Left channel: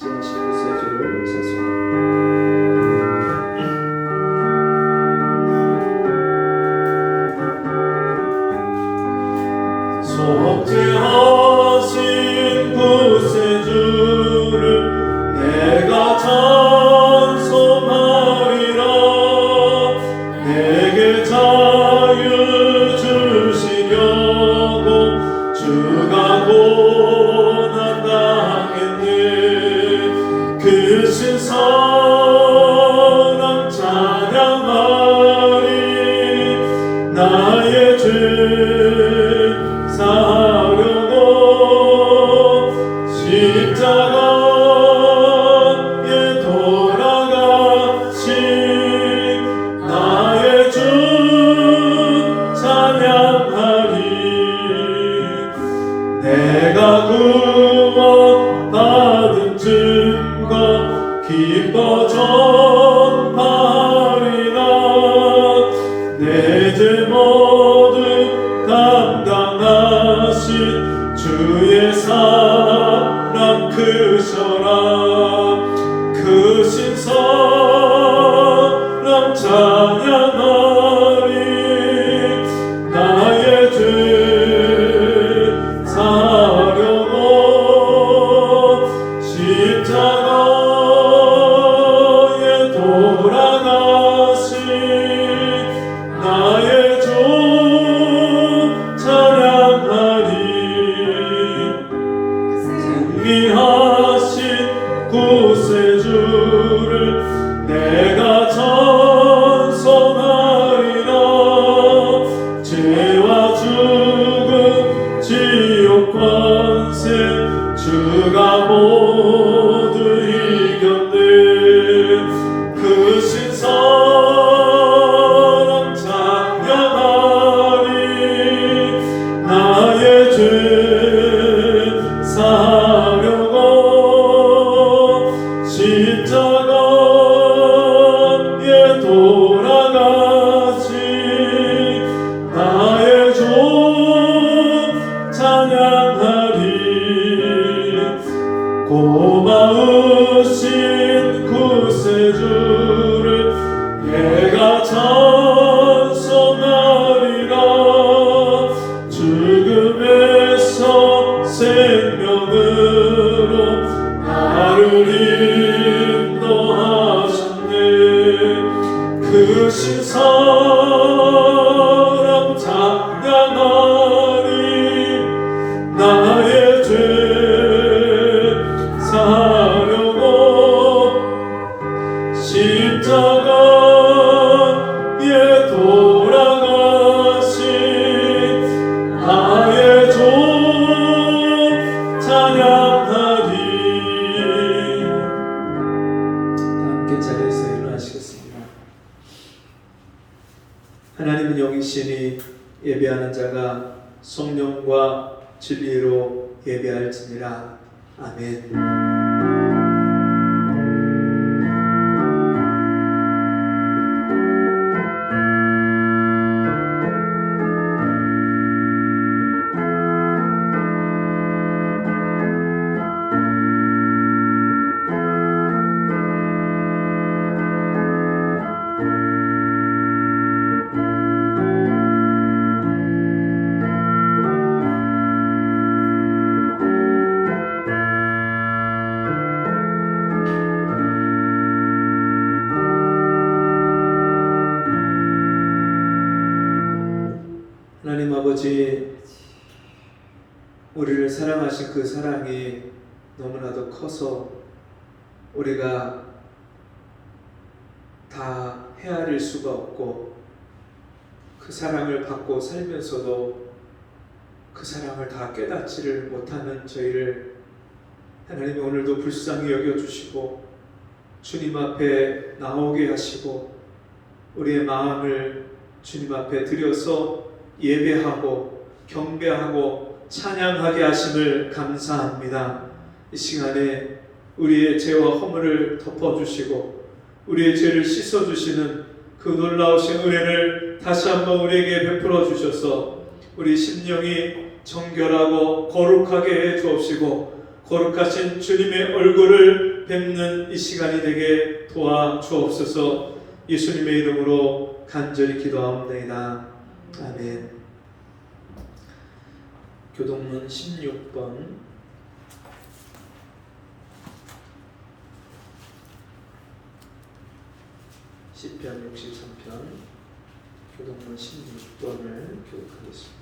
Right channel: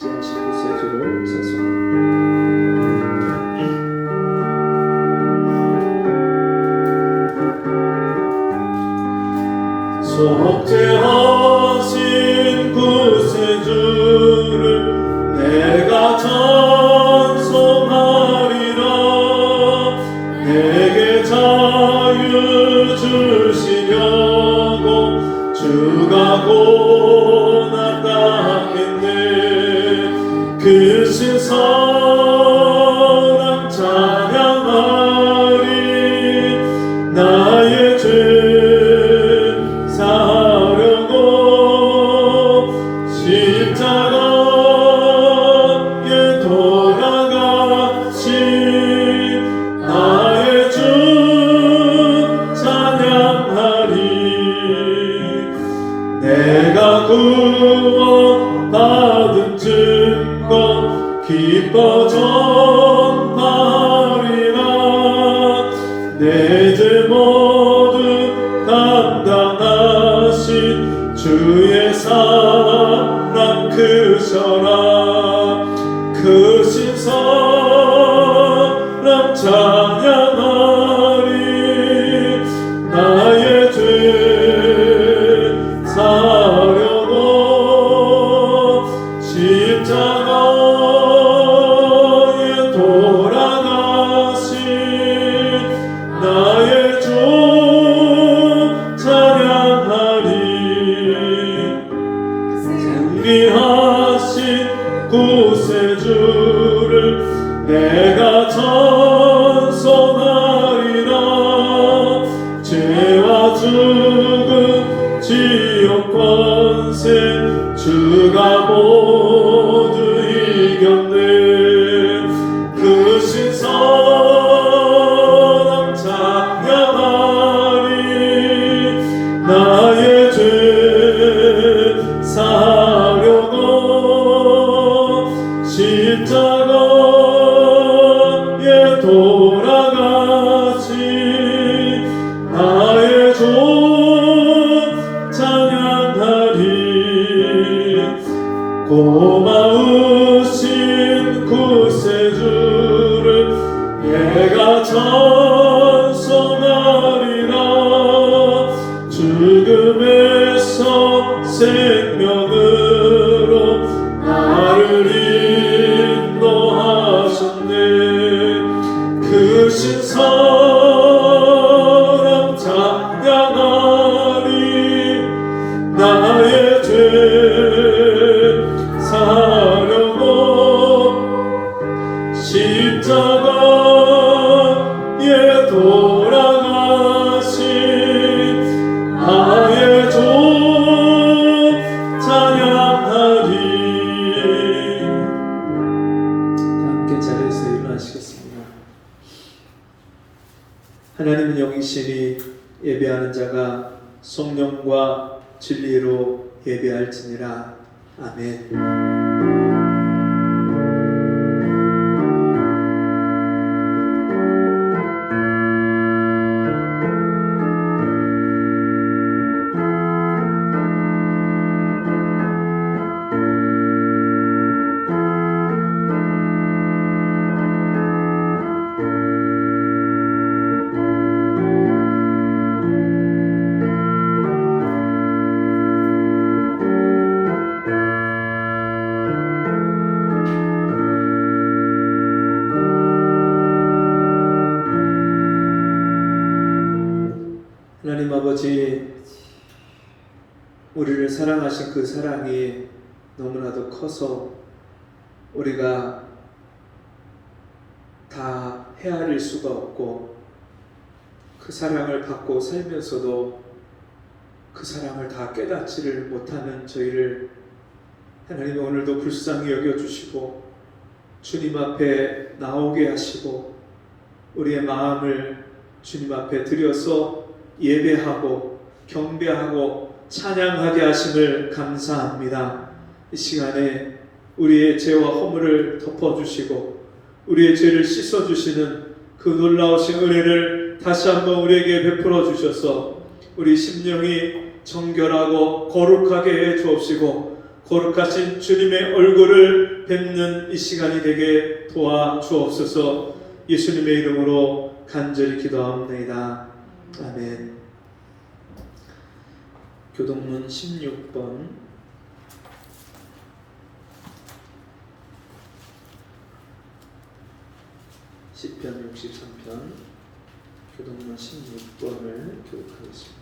제19세주를 찬송합니다. 속죄하신 구세주를 내가 찬송하리라. 내게 자유 주시려고 주가 고난당했네. 그 신사랑 찬양하리. 나의 죄 사려고 십자가에 돌아가신 나의 주 찬양하리. 내가 구원받은 증거 기뻐 전하리라. 내 죄 모두 담당하신 주의 사랑 크셔라. 크신 사랑 찬양하리. 나의 죄 사려고 십자가에 돌아가신 나의 주 찬양하리. 승리하신 구세주를 내가 찬송하리라. 죄와 죽음 지옥 권세 주가 모두 이겼네. 크신 사랑 찬양하리. 나의 죄 사려고 십자가에 돌아가신 나의 주 찬양하리. 고마우신 구세주를 내가 찬송하리라. 죽음에서 생명으로 나를 인도하셨네. 크신 사랑 찬양하리. 나의 죄 사려고 십자가에 돌아가신 나의 주 찬양하리. 함께 자리에서 일어나시겠습니다. 하나님은 영이시니 예배하는 자가 성령과 진리로 예배할지니라. 아멘. 하나님 아버지, 우리를 사랑하신 그 사랑이 너무나도 커서 우리가 다 헤아릴 수가 없고, 그 사랑을 받고 살면서도 그 사랑을 다 깨닫지를 못하는 저희를 하나님이 오늘도 불쌍히 여겨주시고 주님 앞에 나오게 하시고 우리의 마음을 주님 앞에 드려서 예배하고 경배하고 찬양하게 하심을 감사합니다. 이 시간에 우리의 죄와 허물을 덮어주시고 우리의 죄를 씻어주시는 그 놀라우신 은혜를 다시 한번 우리에게 베풀어 주셔서 우리 심령이 정결하고 거룩하게 해 주옵시고 거룩하신 주님의 얼굴을 뵙는 이 시간이 되게 도와주옵소서. 예수님의 이름으로 간절히 기도하옵나이다. 아멘. 교동문 16번 시편 63편 교동문 16번을 교독하겠습니다.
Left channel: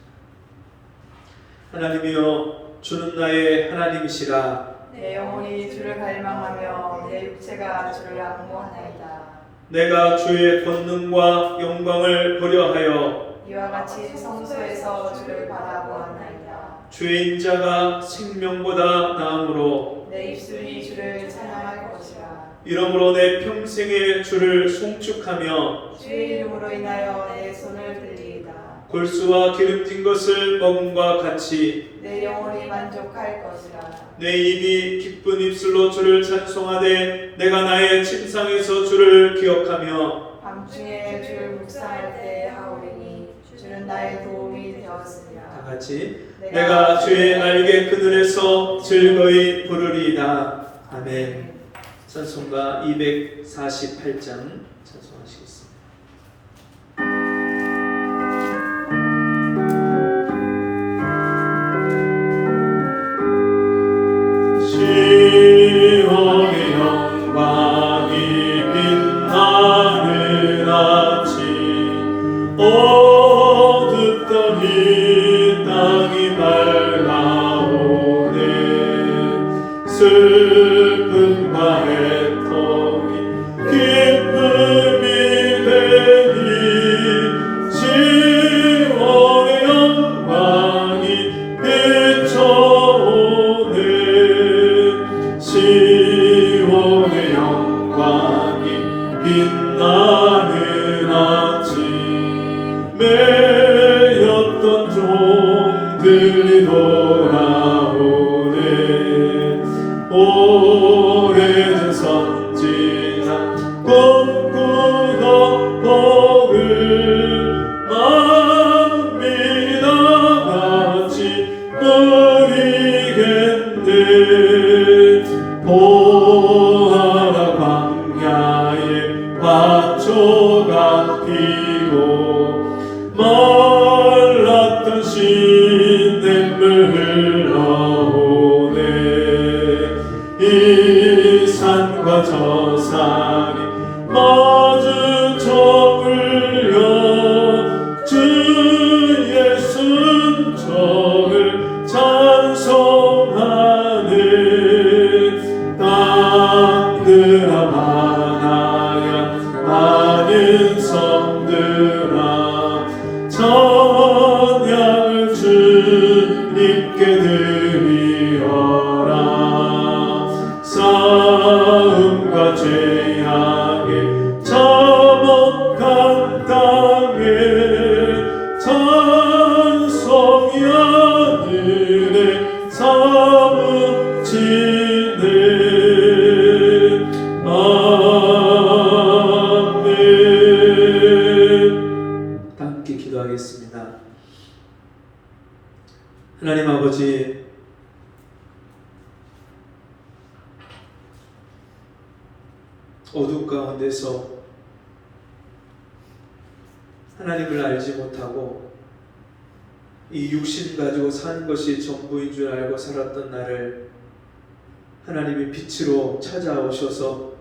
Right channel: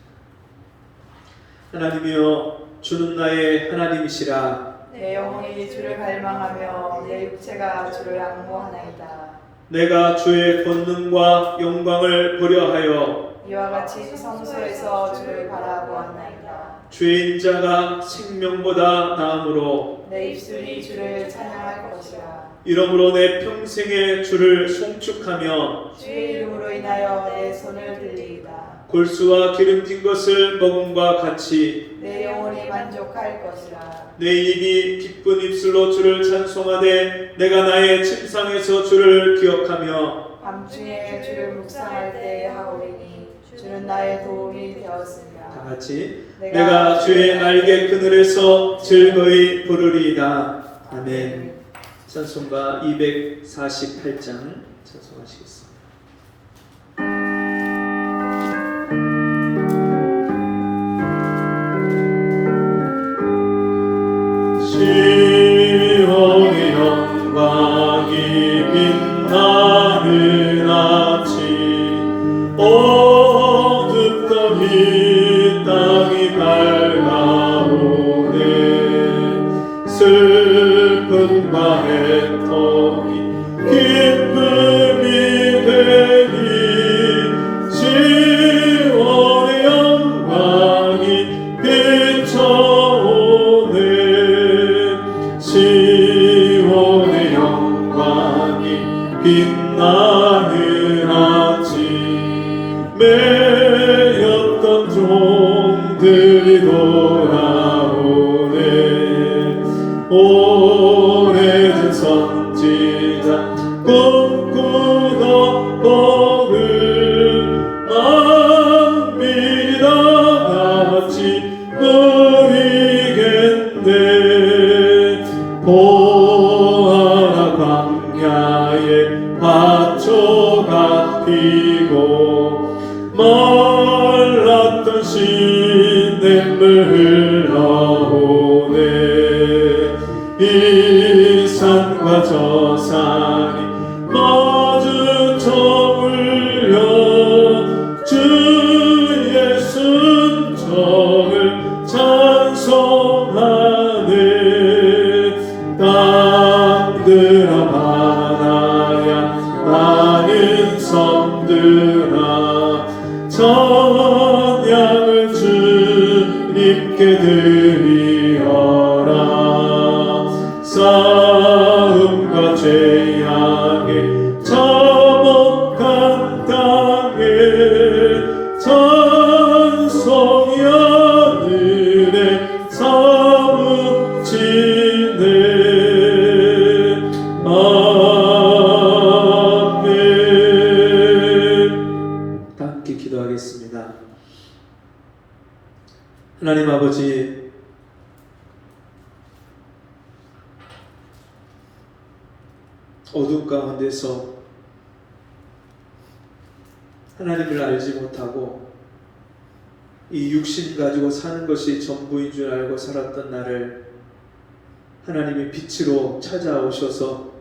하나님이여, 주는 나의 하나님이시라. 내 영혼이 주를 갈망하며 내 육체가 주를 악무하나이다. 내가 주의 권능과 영광을 보려하여 이와 같이 성소에서 주를 바라보았나이다. 주의 인자가 생명보다 나음으로 내 입술이 주를 찬양할 것이라. 이러므로 내 평생에 주를 송축하며 주의 이름으로 인하여 내 손을 들리이다. 골수와 기름진 것을 먹음과 같이 내 영혼이 만족할 것이라. 내 입이 기쁜 입술로 주를 찬송하되 내가 나의 침상에서 주를 기억하며 밤중에 주를 묵상할 때 하오리니 주는 나의 도움이 되었습니다. 다 같이 내가 주의 날개 그늘에서 즐거이 부르리이다. 아멘. 찬송가 248장 찬송하시겠습니다. 시온의 영광이 빛나는 아침, 어둡던 이 땅이 밝아오네. 슬픔과 애통이 기쁨이 되니 시온의 영광이 비춰오네. 시온의 영광이 빛나는 아침, 매였던 종들이 돌아오네. 오래전 선지자 꿈꾸던 복을 만민이 다 같이 누리겠네. 보아라, 광야에 밭초가 피고 말랐던 시냇물 흘러오네. 이 산과 저 산이 마주쳐 울려 주의 순종을 찬송하네. 땅들아 바다야 많은 성들아 찬양을 주님께 드리어라. 싸움과 죄악에 참혹한 땅에 찬송이 하늘에 사무치네. 아멘. 다 함께 기도하겠습니다. 하나님 아버지, 어둠 가운데서 하나님을 알지 못하고 이 육신 가지고 사는 것이 전부인 줄 알고 살았던 나를 하나님의 빛으로 찾아오셔서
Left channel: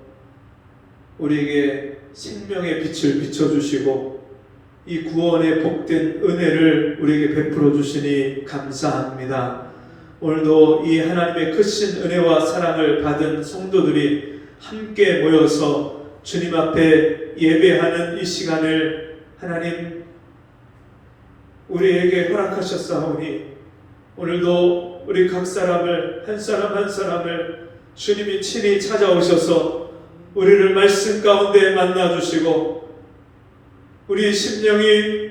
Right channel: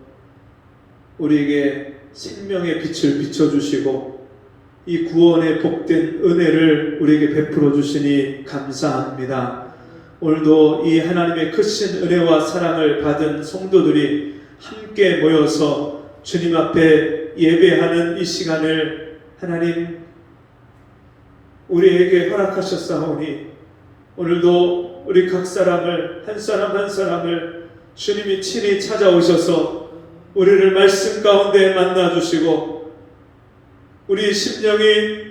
우리에게 생명의 빛을 비춰주시고 이 구원의 복된 은혜를 우리에게 베풀어 주시니 감사합니다. 오늘도 이 하나님의 크신 은혜와 사랑을 받은 성도들이 함께 모여서 주님 앞에 예배하는 이 시간을 하나님 우리에게 허락하셨사오니 오늘도 우리 각 사람을 한 사람 한 사람을 주님이 친히 찾아오셔서 우리를 말씀 가운데 만나주시고 우리 심령이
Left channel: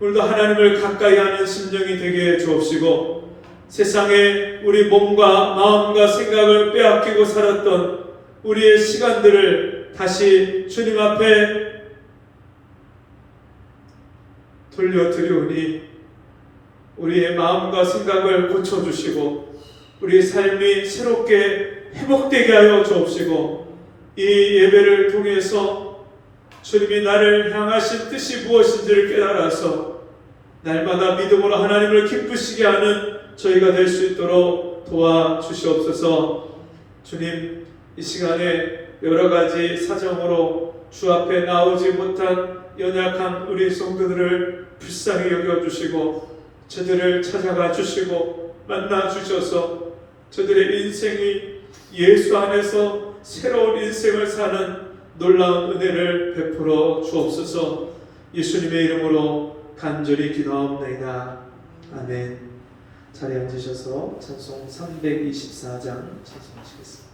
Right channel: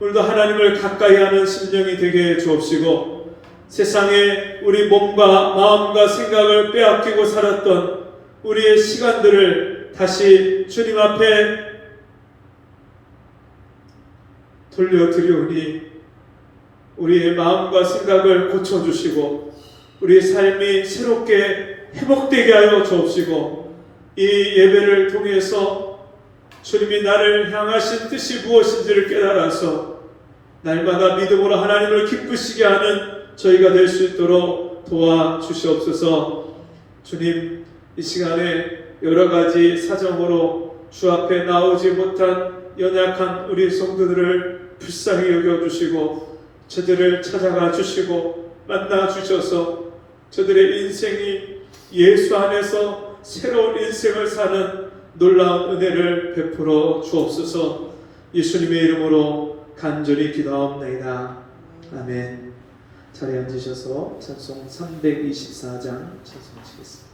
오늘도 하나님을 가까이 하는 심령이 되게 해 주옵시고 세상에 우리 몸과 마음과 생각을 빼앗기고 살았던 우리의 시간들을 다시 주님 앞에 돌려드리오니 우리의 마음과 생각을 고쳐주시고 우리 삶이 새롭게 회복되게 하여 주옵시고 이 예배를 통해서 주님이 나를 향하신 뜻이 무엇인지를 깨달아서 날마다 믿음으로 하나님을 기쁘시게 하는 저희가 될 수 있도록 도와주시옵소서. 주님, 이 시간에 여러 가지 사정으로 주 앞에 나오지 못한 연약한 우리 성도들을 불쌍히 여겨주시고 저들을 찾아가 주시고 만나 주셔서 저들의 인생이 예수 안에서 새로운 인생을 사는 놀라운 은혜를 베풀어 주옵소서. 예수님의 이름으로 간절히 기도하옵나이다. 아멘. 자리에 앉으셔서 찬송 324장 찬송하시겠습니다.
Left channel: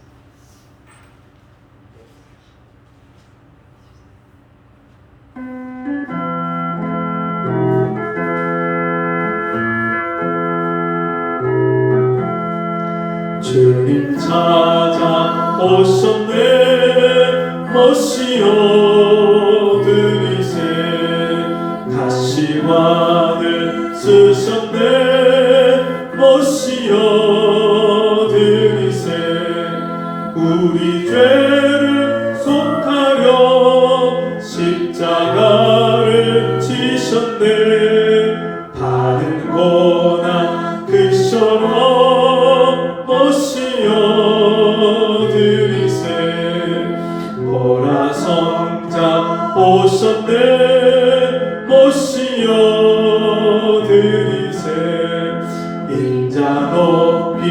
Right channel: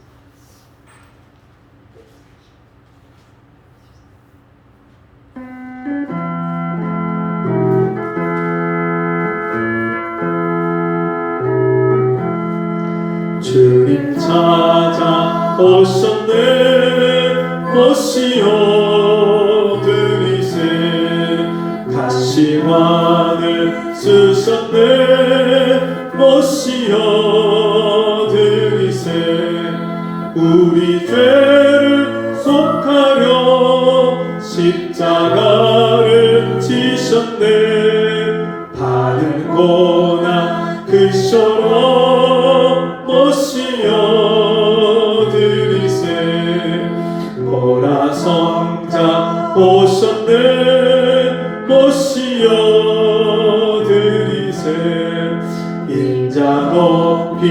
주님 찾아오셨네 오시어 들이세 가시관을 쓰셨네 오시어 들이세 우리 죄를 속하려 십자가를 지셨네 받은 고난 그처럼 오시어 들이세 보라 성자 오셨네 오시어 들이세 인자 높이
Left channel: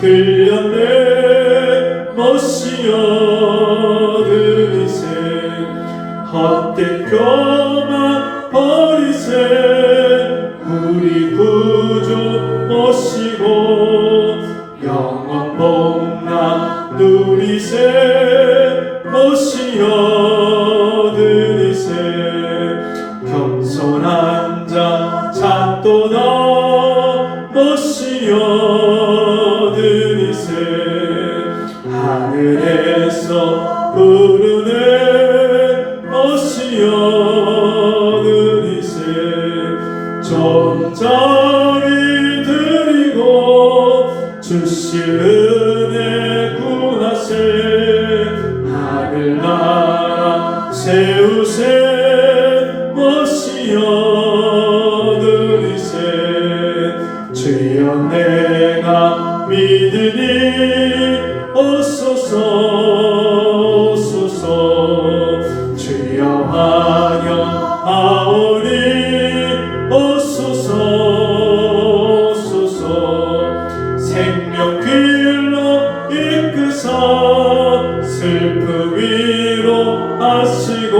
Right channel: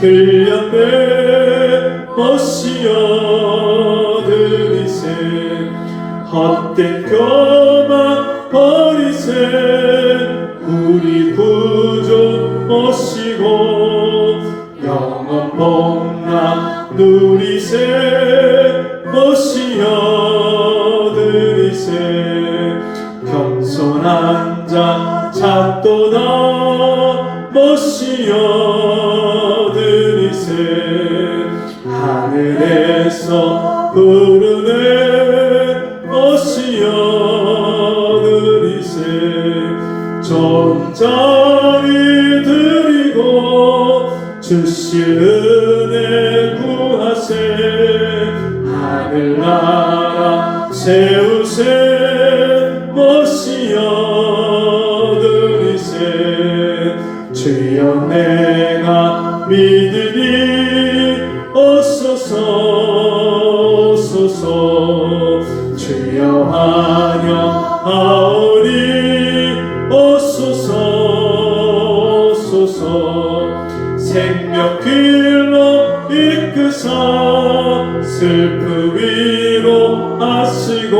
들렸네 오시어 들이세 헛된 교만 버리세 우리 구주 오시고 영원 복락 누리세 오시어 들이세 겸손한 자 찾도다 오시어 들이세 하늘에서 부르네 오시어 들이세 좋은 자리 드리고 주실 은혜 구하세 하늘나라 세우세 오시어 들이세 주여 내가 믿으니 오소서 주여 환영하오니 오소서 생명 길로 이끄사 슬픔 위로하시고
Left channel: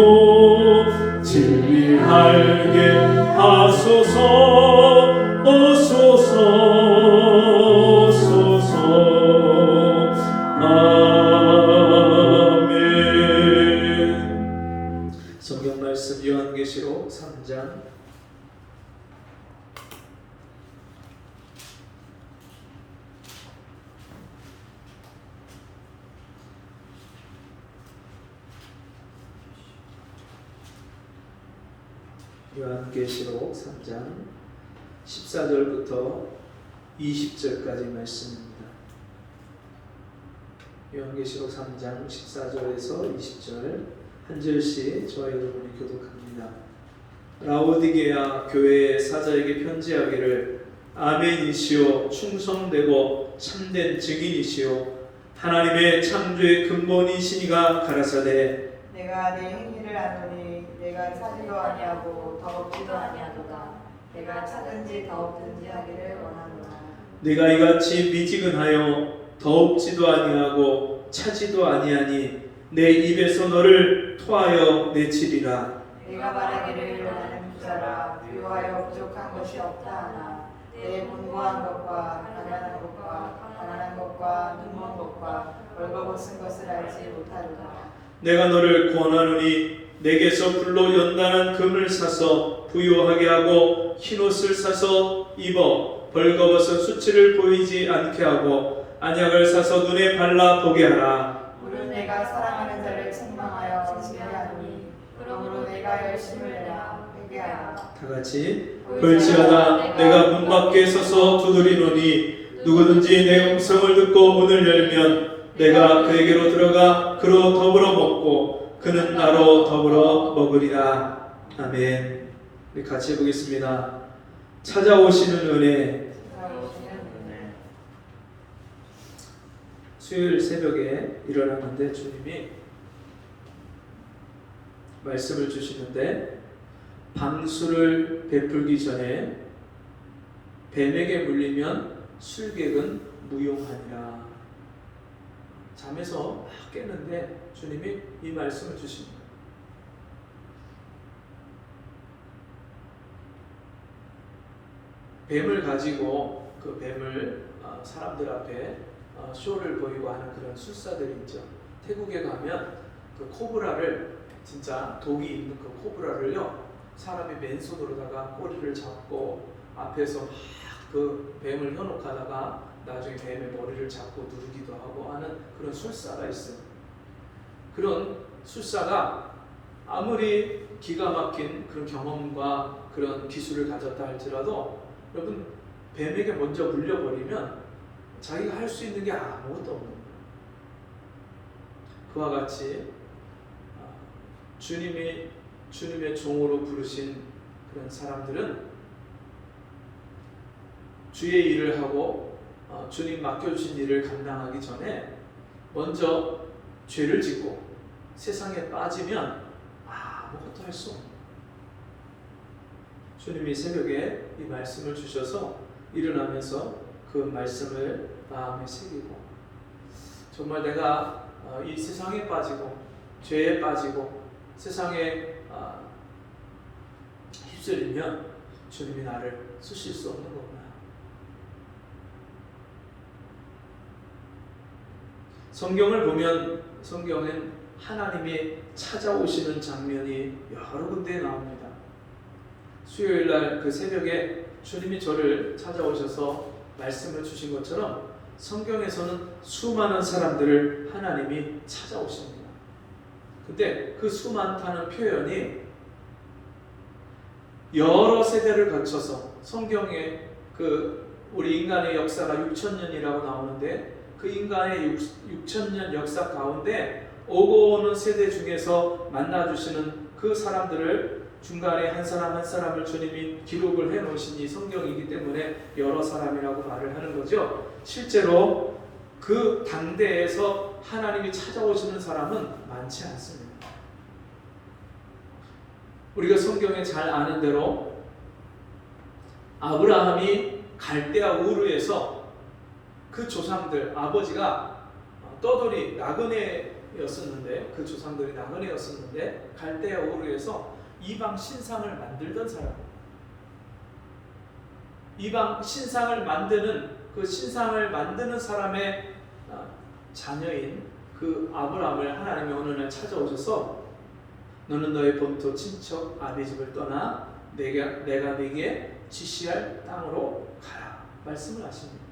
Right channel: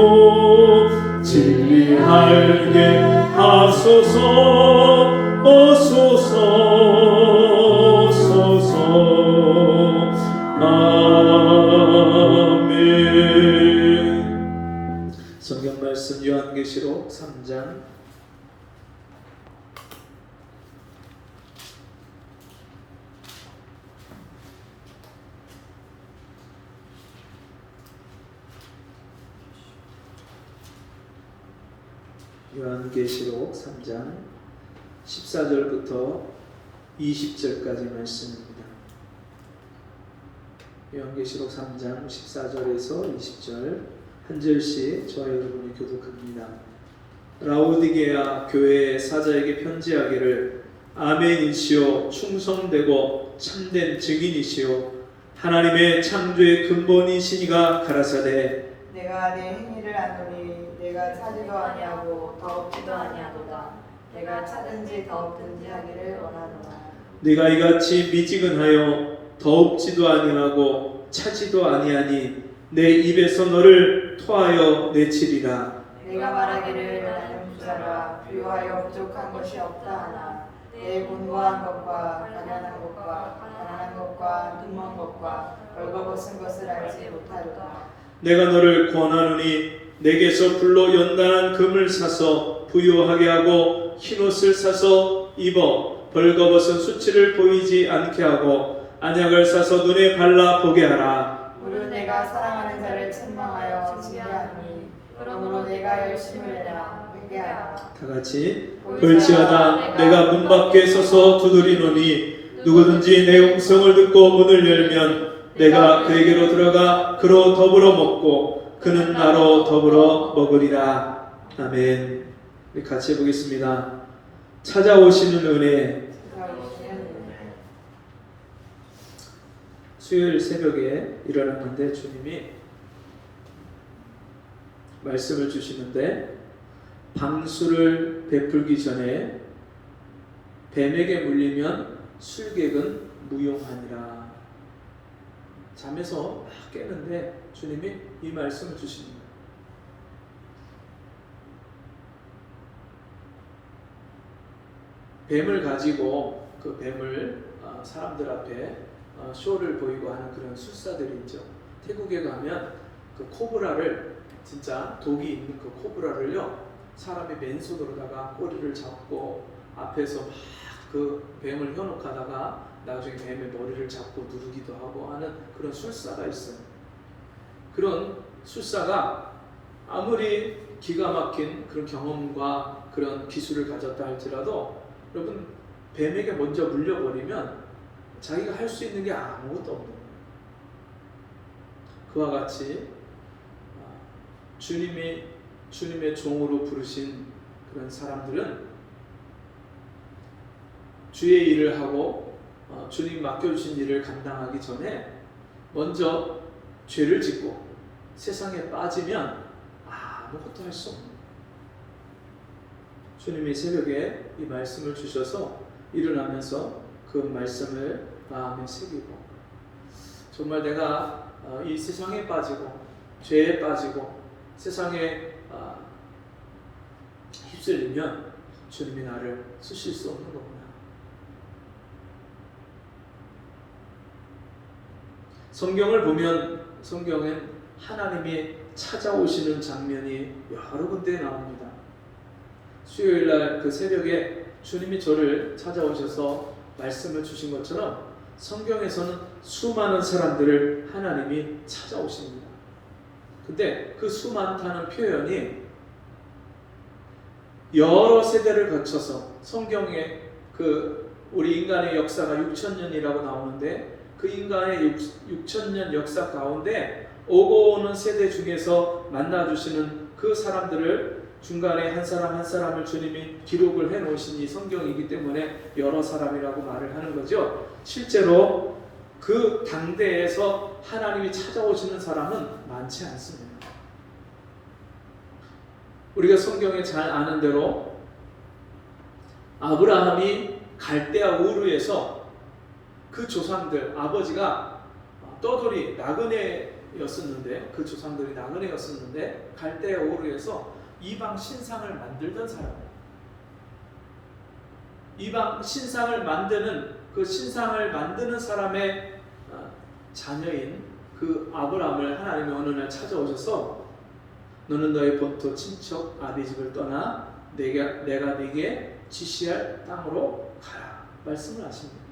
진리 알게 하소서 오소서 아멘. 성경 말씀 요한계시록 3장 요한계시록 3장 14절부터 20절까지 말씀입니다. 요한계시록 3장 14절에서 20절 한 절씩 저와 여러분이 교독합니다. 라오디게아 교회의 사자에게 편지하기를 아멘이시오 충성되고 참된 증인이시오 하나님의 창조의 근본이시니가 가라사대 내가 네 행위를 아노니 내가 차지도 아니하고 더없지도 아니하도다 내가 차든지 더없든지 하기를 원하노라 네가 이같이 미지근하여 더웁지도 아니하고 차지도 아니하니 내 입에서 너를 토하여 내치리라. 내가 말하기를 나는 부자라 부유하여 부족한 것이 없다 하나 내 공부한 것과 가난한 것과 가난한 것과 눈먼 것과 벌거벗은 것을 알지 못하리라 내가 너를 권하노니 내게서 불로 연단한 금을 사서 부유하게 하고 흰옷을 사서 입어 벌거벗은 수치를 보이지 않게 하고 안약을 사서 눈에 발라 보게 하라. 무릇 내가 사랑하는 자를 책망하여 징계하니 그러므로 내가 열심을 내어 회개하라 다 같이 볼지어다 내가 문 밖에 서서 두드리노니 누구든지 내 음성을 듣고 문을 열면 내가 그에게로 들어가 그로 더불어 먹고 그는 나로 더불어 먹으리라. 아멘. 우리 같이 해보겠습니다. 찾아오시는 은혜. 수요일 새벽에 일어나는데 주님이 말씀을 주시는데, 방수를 베풀기 전에 뱀에게 물리면 술객은 무용하니라. 잠에서 막 깨는데 주님이 이 말씀을 주십니다. 뱀을 가지고 그 뱀을 사람들 앞에 쇼를 보이고 하는 그런 술사들이 있죠. 태국에 가면 그 코브라를, 진짜 독이 있는 그 코브라를요, 사람이 맨손으로다가 꼬리를 잡고 앞에서 막 그 뱀을 현혹하다가 나중에 뱀의 머리를 잡고 누르기도 하고 하는 그런 술사가 있어요. 그런 술사가 아무리 기가 막힌 그런 경험과 그런 기술을 가졌다 할지라도, 여러분, 뱀에게 먼저 물려버리면 자기가 할 수 있는 게 아무것도 없는 거예요. 그와 같이 주님의 종으로 부르신 그런 사람들은 주의 일을 하고 주님 맡겨주신 일을 감당하기 전에 먼저 죄를 짓고 세상에 빠지면 아무것도 할 수 없는 거예요. 주님이 새벽에 이 말씀을 주셔서 일어나면서 그 말씀을 마음에 새기고, 정말 내가 이 세상에 빠지고 죄에 빠지고 세상에 휩쓸리면 주님이 나를 쓰실 수 없는 거구나. 성경을 보면 성경엔 하나님이 찾아오시는 장면이 여러 군데 나옵니다. 수요일날 그 새벽에 주님이 저를 찾아오셔서 말씀을 주신 것처럼 성경에서는 수많은 사람들을 하나님이 찾아오십니다. 근데 그 수많다는 표현이 여러 세대를 거쳐서, 성경에 그 우리 인간의 역사가 6,000년이라고 나오는데 그 인간의 6,000년 역사 가운데 오고 오는 세대 중에서 만나주시는 그 사람들을 중간에 한 사람 한 사람을 주님이 기록을 해놓으신 이 성경이기 때문에 여러 사람이라고 말을 하는 거죠. 실제로 그 당대에서 하나님이 찾아오시는 사람은 많지 않습니다. 우리가 성경에 잘 아는 대로 아브라함이 갈대아 우르에서 그 조상들, 아버지가 떠돌이 나그네였었는데, 그 조상들이 나그네였었는데 갈대아 우르에서 이방 신상을 만들던 사람이에요. 이방 신상을 만드는, 그 신상을 만드는 사람의 자녀인 그 아브라함을 하나님이 어느 날 찾아오셔서 너는 너의 본토 친척 아비 집을 떠나 내가 네게 지시할 땅으로 가라 말씀을 하십니다.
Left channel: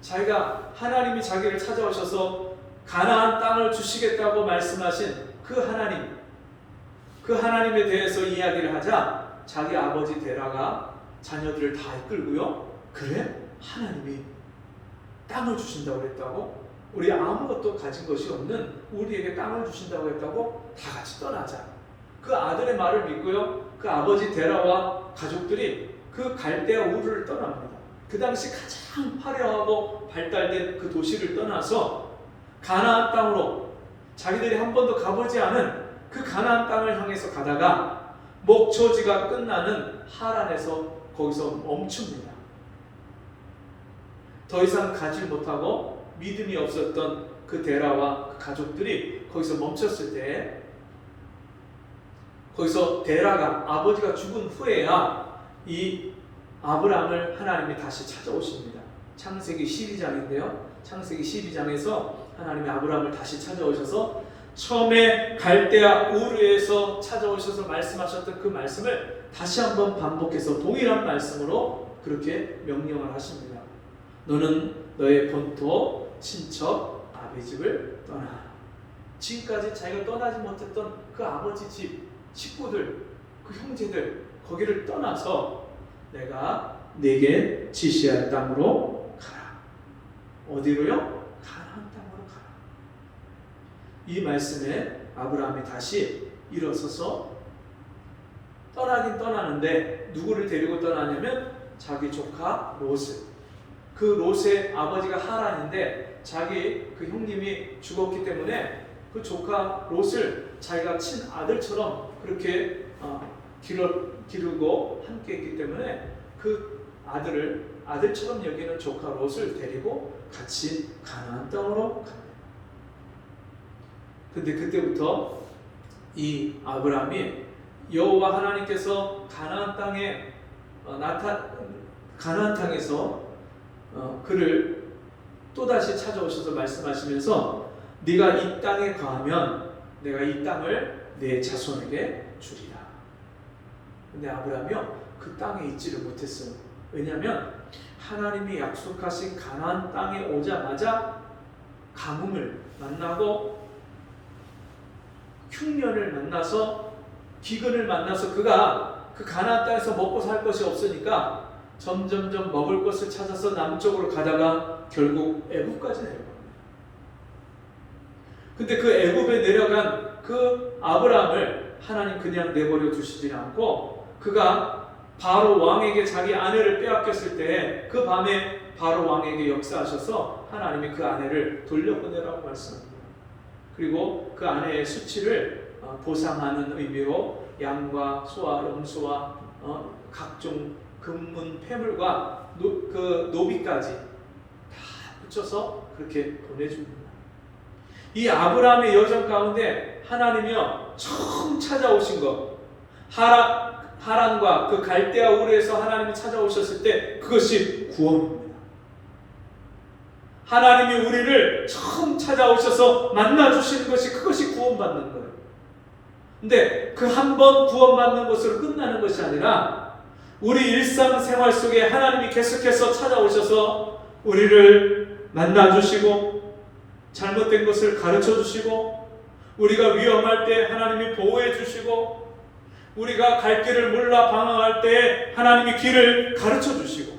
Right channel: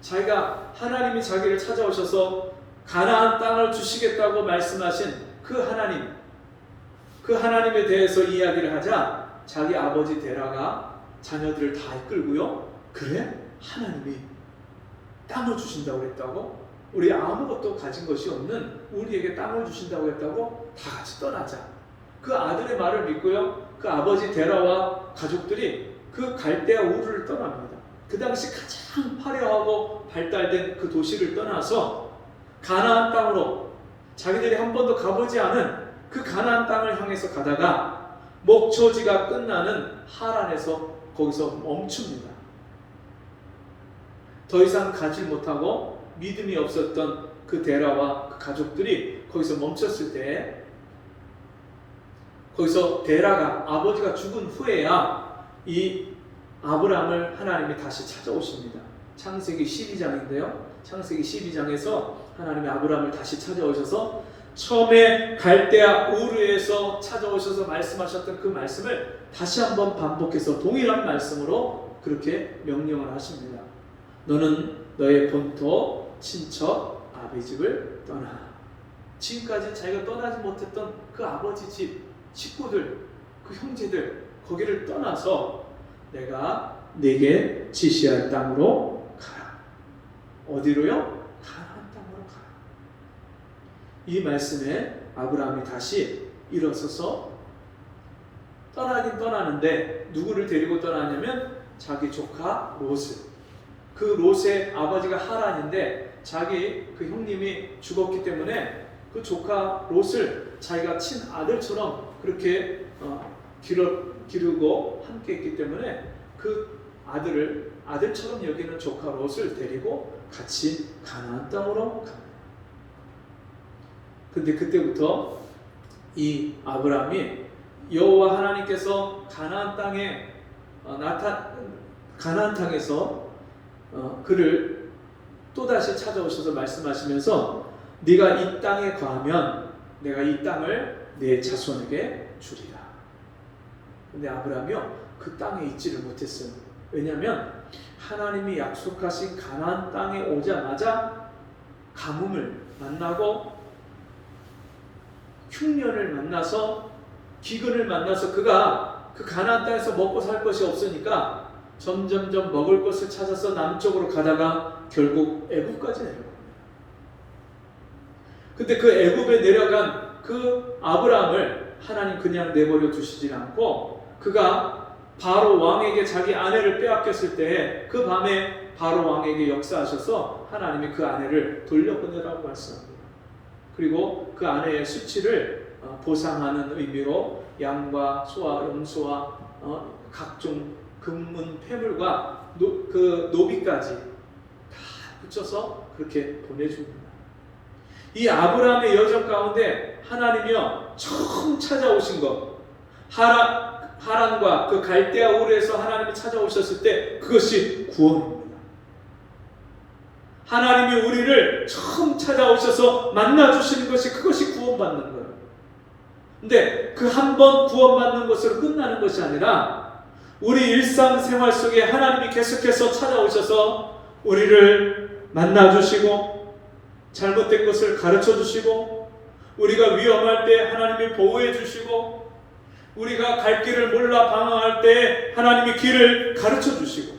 자기가, 하나님이 자기를 찾아오셔서 가나안 땅을 주시겠다고 말씀하신 그 하나님에 대해서 이야기를 하자 자기 아버지 데라가 자녀들을 다 이끌고요, 그래? 하나님이 땅을 주신다고 그랬다고? 우리 아무것도 가진 것이 없는 우리에게 땅을 주신다고 했다고? 다 같이 떠나자. 그 아들의 말을 믿고요, 그 아버지 데라와 가족들이 그 갈대아 우르를 떠납니다. 그 당시 가장 화려하고 발달된 그 도시를 떠나서 가나안 땅으로, 자기들이 한 번도 가보지 않은 그 가나안 땅을 향해서 가다가 목초지가 끝나는 하란에서 거기서 멈춥니다. 더 이상 가지 못하고 믿음이 없었던 그 데라와 그 가족들이 거기서 멈췄을 때, 거기서 데라가, 아버지가 죽은 후에야 이 아브라함을 하나님이 다시 찾아오십니다. 창세기 12장인데요. 창세기 12장에서 하나님이 아브라함을 다시 찾아오셔서 처음에 갈대아 우르에서 찾아오셔서 말씀하셨던 그 말씀을 다시 한번 반복해서 동일한 말씀으로 그렇게 명령을 하십니다. 너는 너의 본토 친척 아비 집을 떠나. 지금까지 자기가 떠나지 못했던 그 아버지 집, 식구들, 그 형제들, 거기를 떠나서 내가 네게 지시할 땅으로 어디로요? 가나안 땅으로 가라. 이 말씀에 아브라함이 다시 일어서서 떠나긴 떠나는데 누구를 데리고 떠나냐면 자기 조카 롯을. 그 롯의 아버지가 하란인데 자기 그 형님이 죽었기 때문에 그 조카 롯을 자기가 친아들처럼 그렇게 기르고 함께 했기 때문에 그 아들을 아들처럼 여기는 조카 롯을 데리고 같이 가나안 땅으로 갑니다. 근데 그때부터 이 아브라함이 여호와 하나님께서 가나안 땅에 가나안 땅에서 그를 또다시 찾아오셔서 말씀하시면서 네가 이 땅에 거하면 내가 이 땅을 내 자손에게 주리라. 근데 아브라함이요 그 땅에 있지를 못했어요. 왜냐하면 하나님이 약속하신 가나안 땅에 오자마자 가뭄을 만나고 흉년을 만나서 기근을 만나서 그가 그 가나안 땅에서 먹고 살 것이 없으니까 점점점 먹을 것을 찾아서 남쪽으로 가다가 결국 애굽까지 내려갑니다. 근데 그 애굽에 내려간 그 아브라함을 하나님 그냥 내버려 두시지 않고 그가 바로 왕에게 자기 아내를 빼앗겼을 때 그 밤에 바로 왕에게 역사하셔서 하나님이 그 아내를 돌려보내라고 말씀합니다. 그리고 그 아내의 수치를 보상하는 의미로 양과 소와 염소와 각종 금문 폐물과 그 노비까지 다 붙여서 그렇게 보내줍니다. 이 아브라함의 여정 가운데 하나님이요 처음 찾아오신 것 하란과 그 갈대아 우르에서 하나님이 찾아오셨을 때 그것이 구원입니다. 하나님이 우리를 처음 찾아오셔서 만나주시는 것이 그것이 구원받는 거예요. 근데 그 한 번 구원받는 것으로 끝나는 것이 아니라 우리 일상생활 속에 하나님이 계속해서 찾아오셔서 우리를 만나주시고 잘못된 것을 가르쳐주시고 우리가 위험할 때 하나님이 보호해 주시고 우리가 갈 길을 몰라 방황할 때 하나님이 길을 가르쳐 주시고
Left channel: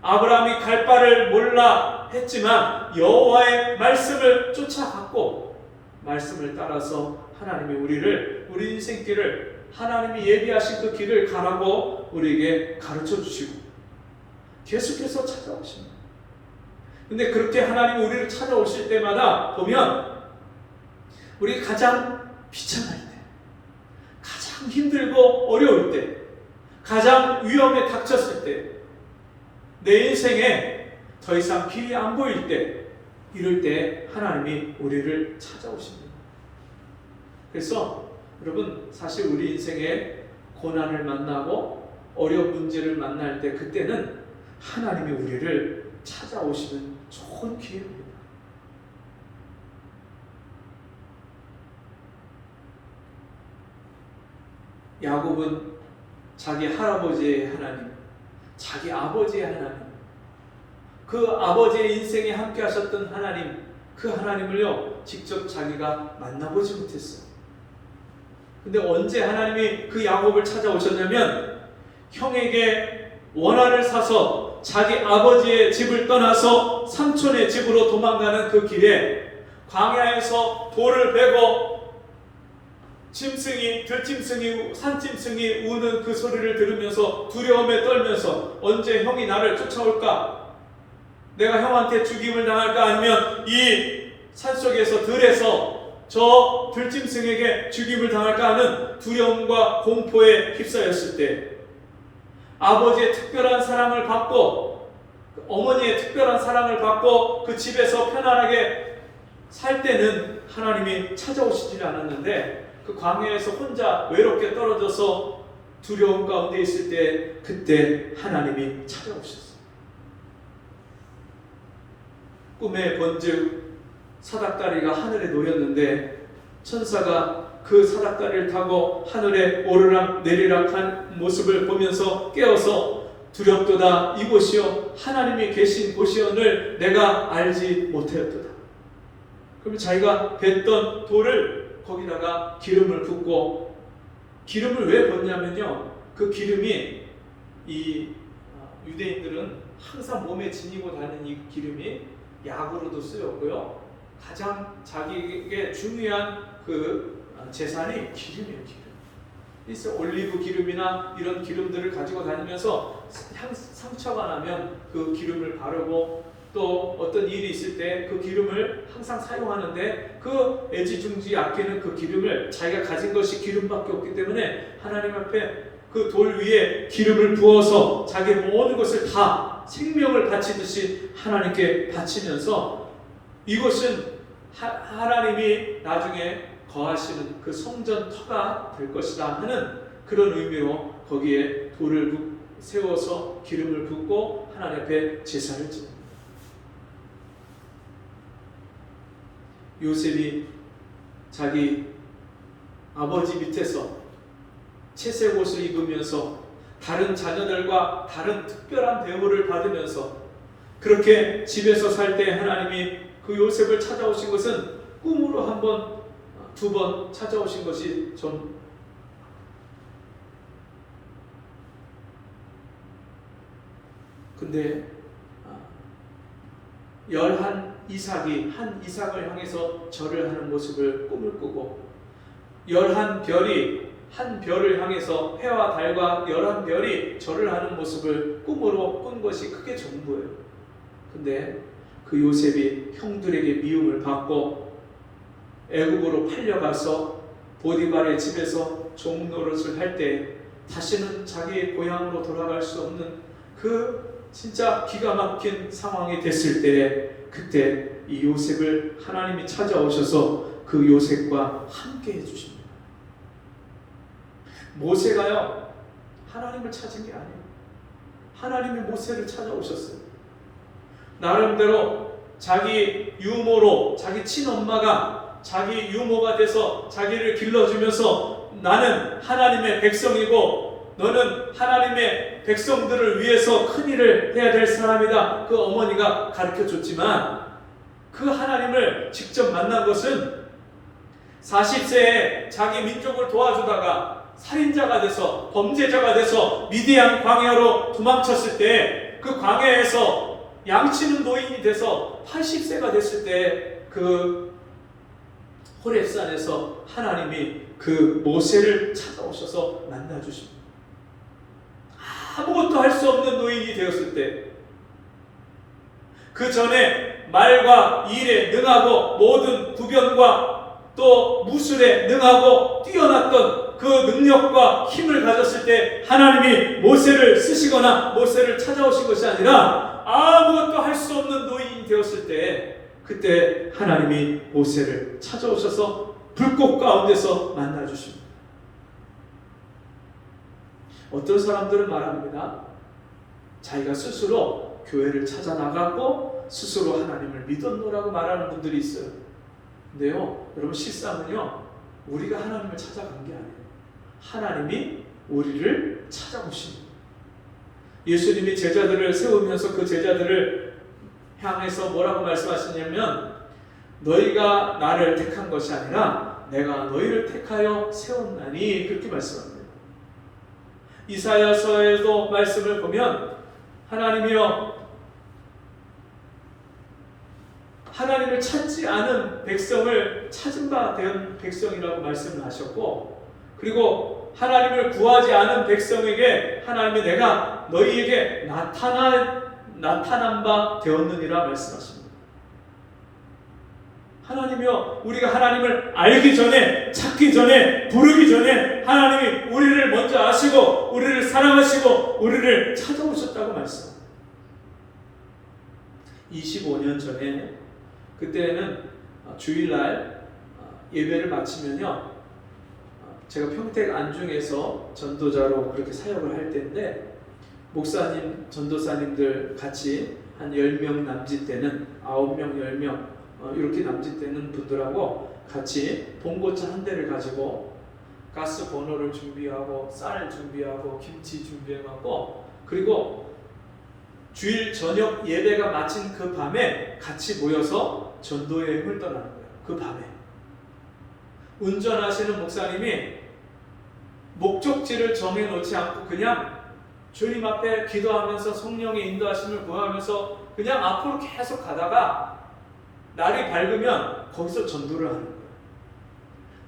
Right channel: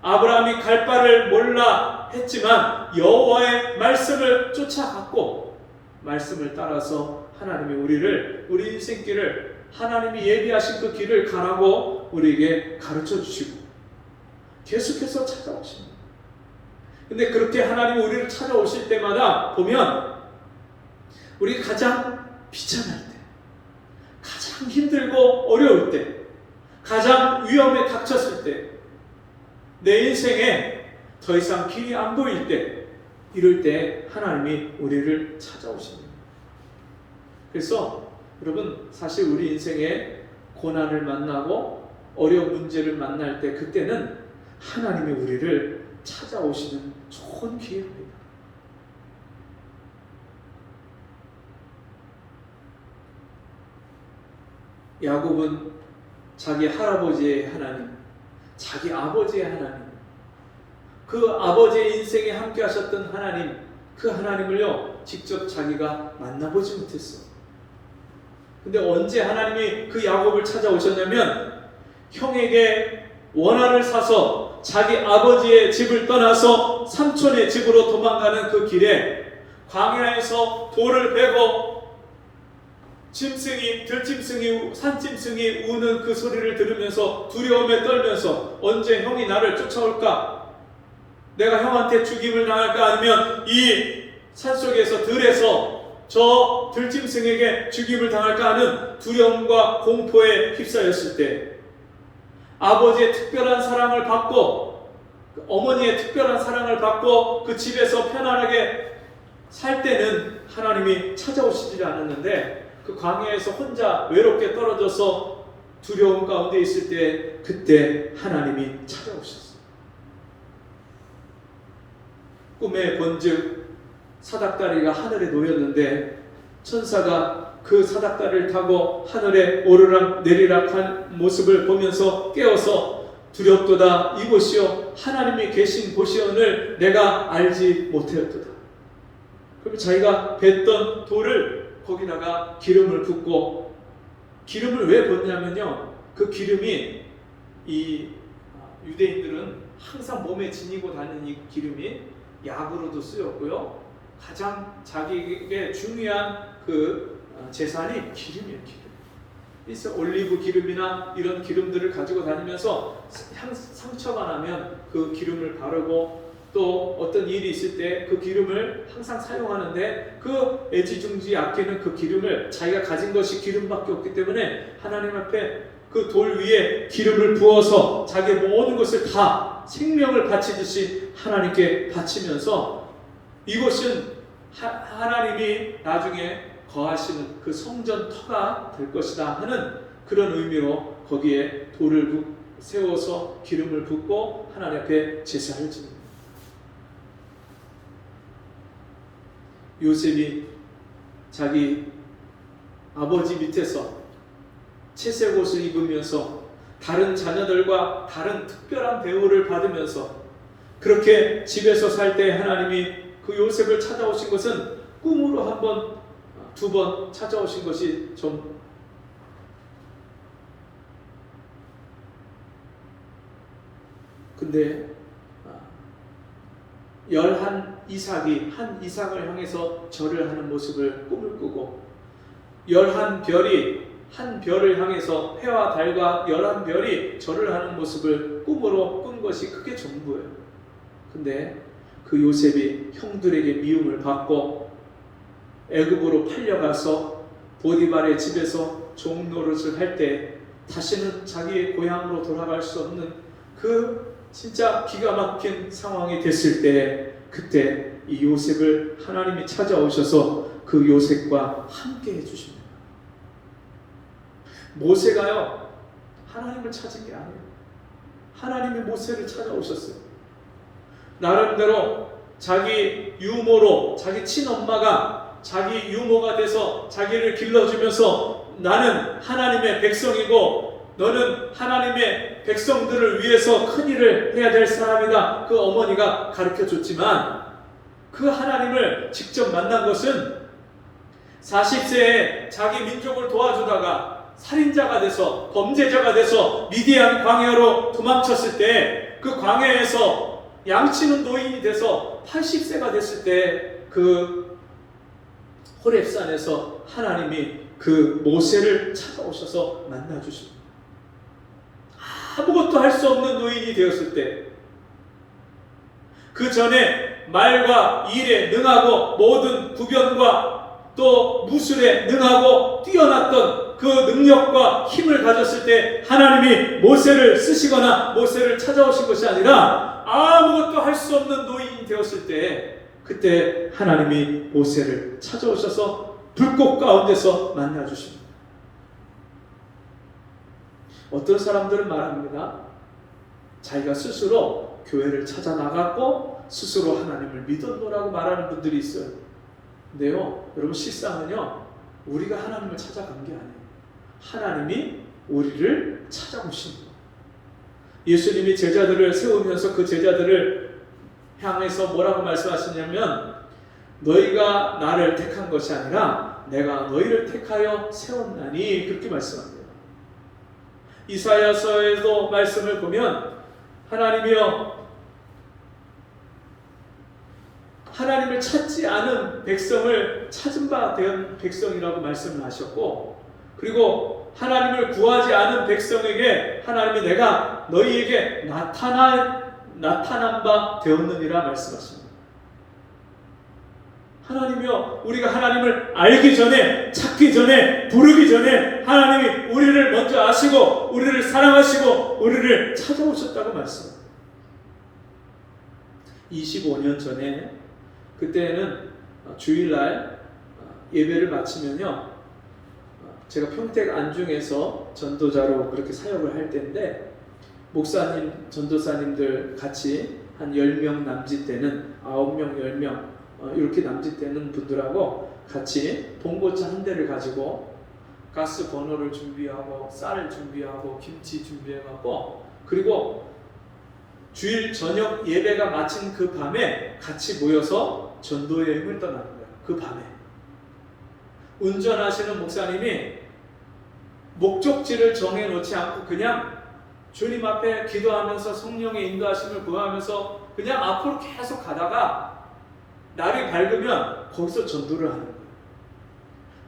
아브라함이 갈 바를 몰라 했지만 여호와의 말씀을 쫓아갔고 말씀을 따라서 하나님이 우리 인생길을 하나님이 예비하신 그 길을 가라고 우리에게 가르쳐 주시고 계속해서 찾아오십니다. 근데 그렇게 하나님이 우리를 찾아오실 때마다 보면 우리 가장 비참할 때 가장 힘들고 어려울 때 가장 위험에 닥쳤을 때 내 인생에 더 이상 길이 안 보일 때 이럴 때 하나님이 우리를 찾아오십니다. 그래서 여러분 사실 우리 인생에 고난을 만나고 어려운 문제를 만날 때 그때는 하나님이 우리를 찾아오시는 좋은 기회입니다. 야곱은 자기 할아버지의 하나님, 자기 아버지의 하나님, 그 아버지의 인생에 함께 하셨던 하나님, 그 하나님을요 직접 자기가 만나보지 못했어요. 근데 언제 하나님이 그 야곱을 찾아오셨냐면 형에게 원한을 사서 자기 아버지의 집을 떠나서 삼촌의 집으로 도망가는 그 길에 광야에서 돌을 베고 들짐승이, 산짐승이 우는 그 소리를 들으면서 두려움에 떨면서 언제 형이 나를 쫓아올까? 내가 형한테 죽임을 당할까? 아니면 이 산속에서 들에서 저 들짐승에게 죽임을 당할까 하는 두려움과 공포에 휩싸였을 때 아버지의 특별한 사랑을 받고 어머니의 특별한 사랑을 받고 그 집에서 편안하게 살 때는 하나님이 찾아오시지 않았는데 그 광야에서 혼자 외롭게 떨어져서 두려움 가운데 있을 때 그때 하나님이 찾아오셨어요. 꿈에 본즉 사닥다리가 하늘에 놓였는데 천사가 그 사닥다리를 타고 하늘에 오르락 내리락한 모습을 보면서 깨어서 두렵도다 이곳이요 하나님이 계신 곳이오늘 내가 알지 못하였도다. 그러면 자기가 뱉던 돌을 거기다가 기름을 붓고 기름을 왜 붓냐면요 그 기름이 이 유대인들은 항상 몸에 지니고 다니는 이 기름이 약으로도 쓰였고요. 가장 자기에게 중요한 그 재산이 기름이에요. 기름. 그래서 올리브 기름이나 이런 기름들을 가지고 다니면서 상처가 나면 그 기름을 바르고 또 어떤 일이 있을 때 그 기름을 항상 사용하는데 그 애지중지 아끼는 그 기름을 자기가 가진 것이 기름밖에 없기 때문에 하나님 앞에 그 돌 위에 기름을 부어서 자기의 모든 것을 다 생명을 바치듯이 하나님께 바치면서 이것은 하나님이 나중에 거하시는 그 성전 터가 될 것이다 하는 그런 의미로 거기에 돌을 세워서 기름을 붓고 하나님 앞에 제사를 지냅니다. 요셉이 자기 아버지 밑에서 채색 옷을 입으면서 다른 자녀들과 다른 특별한 대우를 받으면서 그렇게 집에서 살 때 하나님이 그 요셉을 찾아오신 것은 꿈으로 한 번, 두 번 찾아오신 것이 좀 근데 한 이삭을 향해서 절을 하는 모습을 꿈을 꾸고 한 별을 향해서 해와 달과 11별이 절을 하는 모습을 꿈으로 꾼 것이 그게 전부예요. 근데 그 요셉이 형들에게 미움을 받고 애굽으로 팔려가서 보디발의 집에서 종노릇을 할 때 다시는 자기의 고향으로 돌아갈 수 없는 그 진짜 기가 막힌 상황이 됐을 때 그때 이 요셉을 하나님이 찾아오셔서 그 요셉과 함께 해주십니다. 모세가요 하나님을 찾은 게 아니에요. 하나님이 모세를 찾아오셨어요. 나름대로 자기 유모로 자기 친엄마가 자기 유모가 돼서 자기를 길러주면서 나는 하나님의 백성이고 너는 하나님의 백성들을 위해서 큰 일을 해야 될 사람이다. 그 어머니가 가르쳐줬지만 그 하나님을 직접 만난 것은 40세에 자기 민족을 도와주다가 살인자가 돼서 범죄자가 돼서 미디안 광야로 도망쳤을 때 그 광야에서 양치는 노인이 돼서 80세가 됐을 때 그 호렙산에서 하나님이 그 모세를 찾아오셔서 만나주십니다. 아무것도 할 수 없는 노인이 되었을 때 그 전에 말과 일에 능하고 모든 구변과 또 무술에 능하고 뛰어났던 그 능력과 힘을 가졌을 때 하나님이 모세를 쓰시거나 모세를 찾아오신 것이 아니라 아무것도 할 수 없는 노인이 되었을 때 그때 하나님이 모세를 찾아오셔서 불꽃 가운데서 만나주십니다. 어떤 사람들은 말합니다. 자기가 스스로 교회를 찾아 나갔고 스스로 하나님을 믿었노라고 말하는 분들이 있어요. 근데요, 여러분 실상은요, 우리가 하나님을 찾아간 게 아니에요. 하나님이 우리를 찾아오십니다. 예수님이 제자들을 세우면서 그 제자들을 향해서 뭐라고 말씀하시냐면 너희가 나를 택한 것이 아니라 내가 너희를 택하여 세웠나니 그렇게 말씀합니다. 이사야서에도 말씀을 보면 하나님이여 하나님을 찾지 않은 백성을 찾은 바 된 백성이라고 말씀을 하셨고 그리고 하나님을 구하지 않은 백성에게 하나님이 내가 너희에게 나타난 바 되었느니라 말씀하십니다. 하나님이여 우리가 하나님을 알기 전에 찾기 전에 부르기 전에 하나님이 우리를 먼저 아시고 우리를 사랑하시고 우리를 찾아오셨다고 말씀합니다. 25년 전에 그때는 주일날 예배를 마치면요 제가 평택 안중에서 전도자로 그렇게 사역을 할 때인데 목사님, 전도사님들 같이 한 10명 남짓되는 9명, 10명 이렇게 남짓되는 분들하고 같이 봉고차 한 대를 가지고 가스 버너를 준비하고 쌀을 준비하고 김치 준비해갖고 그리고 주일 저녁 예배가 마친 그 밤에 같이 모여서 전도 여행을 떠나는 거예요. 그 밤에 운전하시는 목사님이 목적지를 정해놓지 않고 그냥 주님 앞에 기도하면서 성령의 인도하심을 구하면서 그냥 앞으로 계속 가다가 날이 밝으면 거기서 전도를 하는 거예요.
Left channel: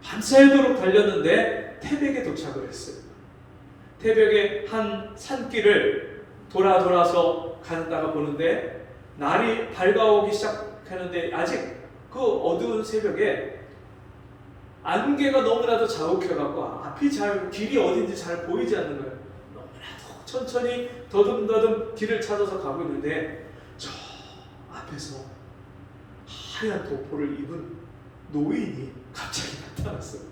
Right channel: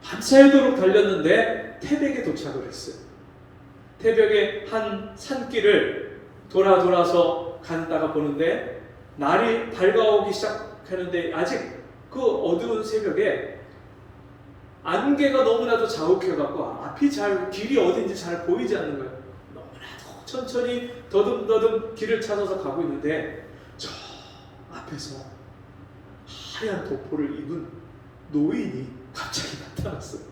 밤새도록 달렸는데 태백에 도착을 했어요. 태백의 한 산길을 돌아서 가다가 보는데 날이 밝아오기 시작하는데 아직 그 어두운 새벽에 안개가 너무나도 자욱해갖고 앞이 길이 어딘지 잘 보이지 않는 거예요. 너무나도 천천히 더듬더듬 길을 찾아서 가고 있는데 저 앞에서 하얀 도포를 입은 노인이 갑자기 나타났어요.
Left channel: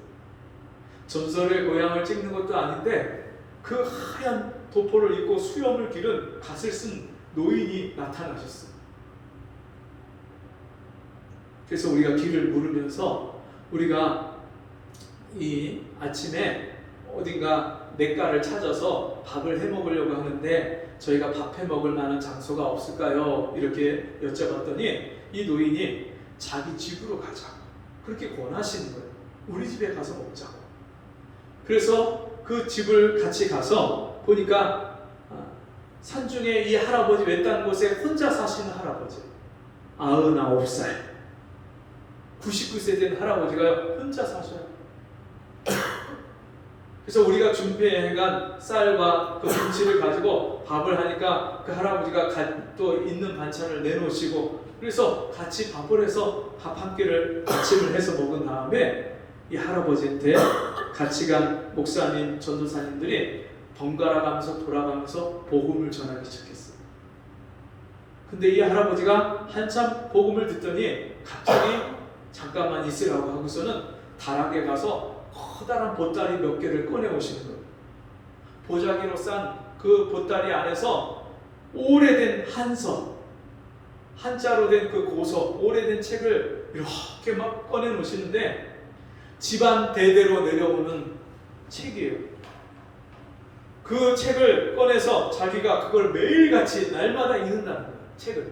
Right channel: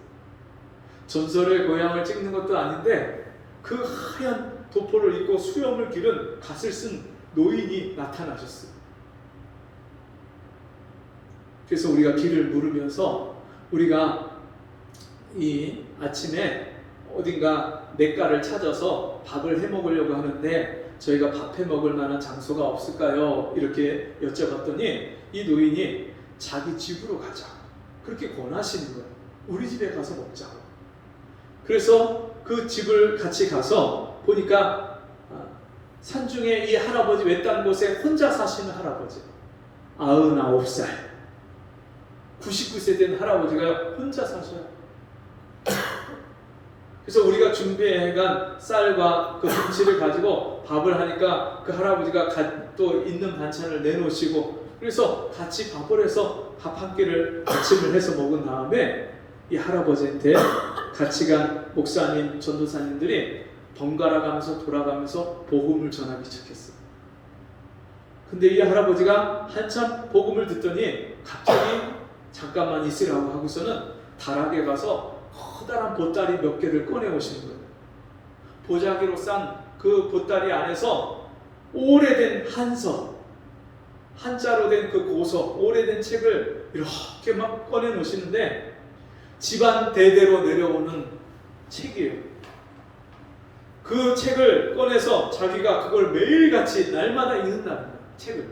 전설의 고향을 찍는 것도 아닌데 그 하얀 도포를 입고 수염을 기른 갓을 쓴 노인이 나타나셨어요. 그래서 우리가 길을 물으면서 우리가 이 아침에 어딘가 냇가를 찾아서 밥을 해 먹으려고 하는데 저희가 밥 해 먹을 만한 장소가 없을까요? 이렇게 여쭤봤더니 이 노인이 자기 집으로 가자 그렇게 권하시는 거예요. 우리 집에 가서 먹자고. 그래서 그 집을 같이 가서 보니까 산중에 이 할아버지 외딴 곳에 혼자 사시는 할아버지 99살 99세 된 할아버지가 혼자 사셔요. 그래서 우리가 준비해간 쌀과 그 김치를 가지고 밥을 하니까 그 할아버지가 또 있는 반찬을 내놓으시고 그래서 같이 밥을 해서 밥 한 끼를 아침을 해서 먹은 다음에 이 할아버지한테 같이 간 목사님, 전도사님들이 번갈아 가면서 돌아가면서 복음을 전하기 시작했어요. 근데 이 할아버지가 한참 복음을 듣더니 갑자기 잠깐만 있으라고 하고서는 다락에 가서 커다란 보따리 몇 개를 꺼내 오시는 거예요. 보자기로 싼 그 보따리 안에서 오래된 한서, 한자로 된 그 고서, 오래된 책을 이렇게 막 꺼내 놓으시는데 집안 대대로 내려오는 책이에요. 그 책을 꺼내서 자기가 그걸 매일같이 날마다 읽는다는 거예요. 책을.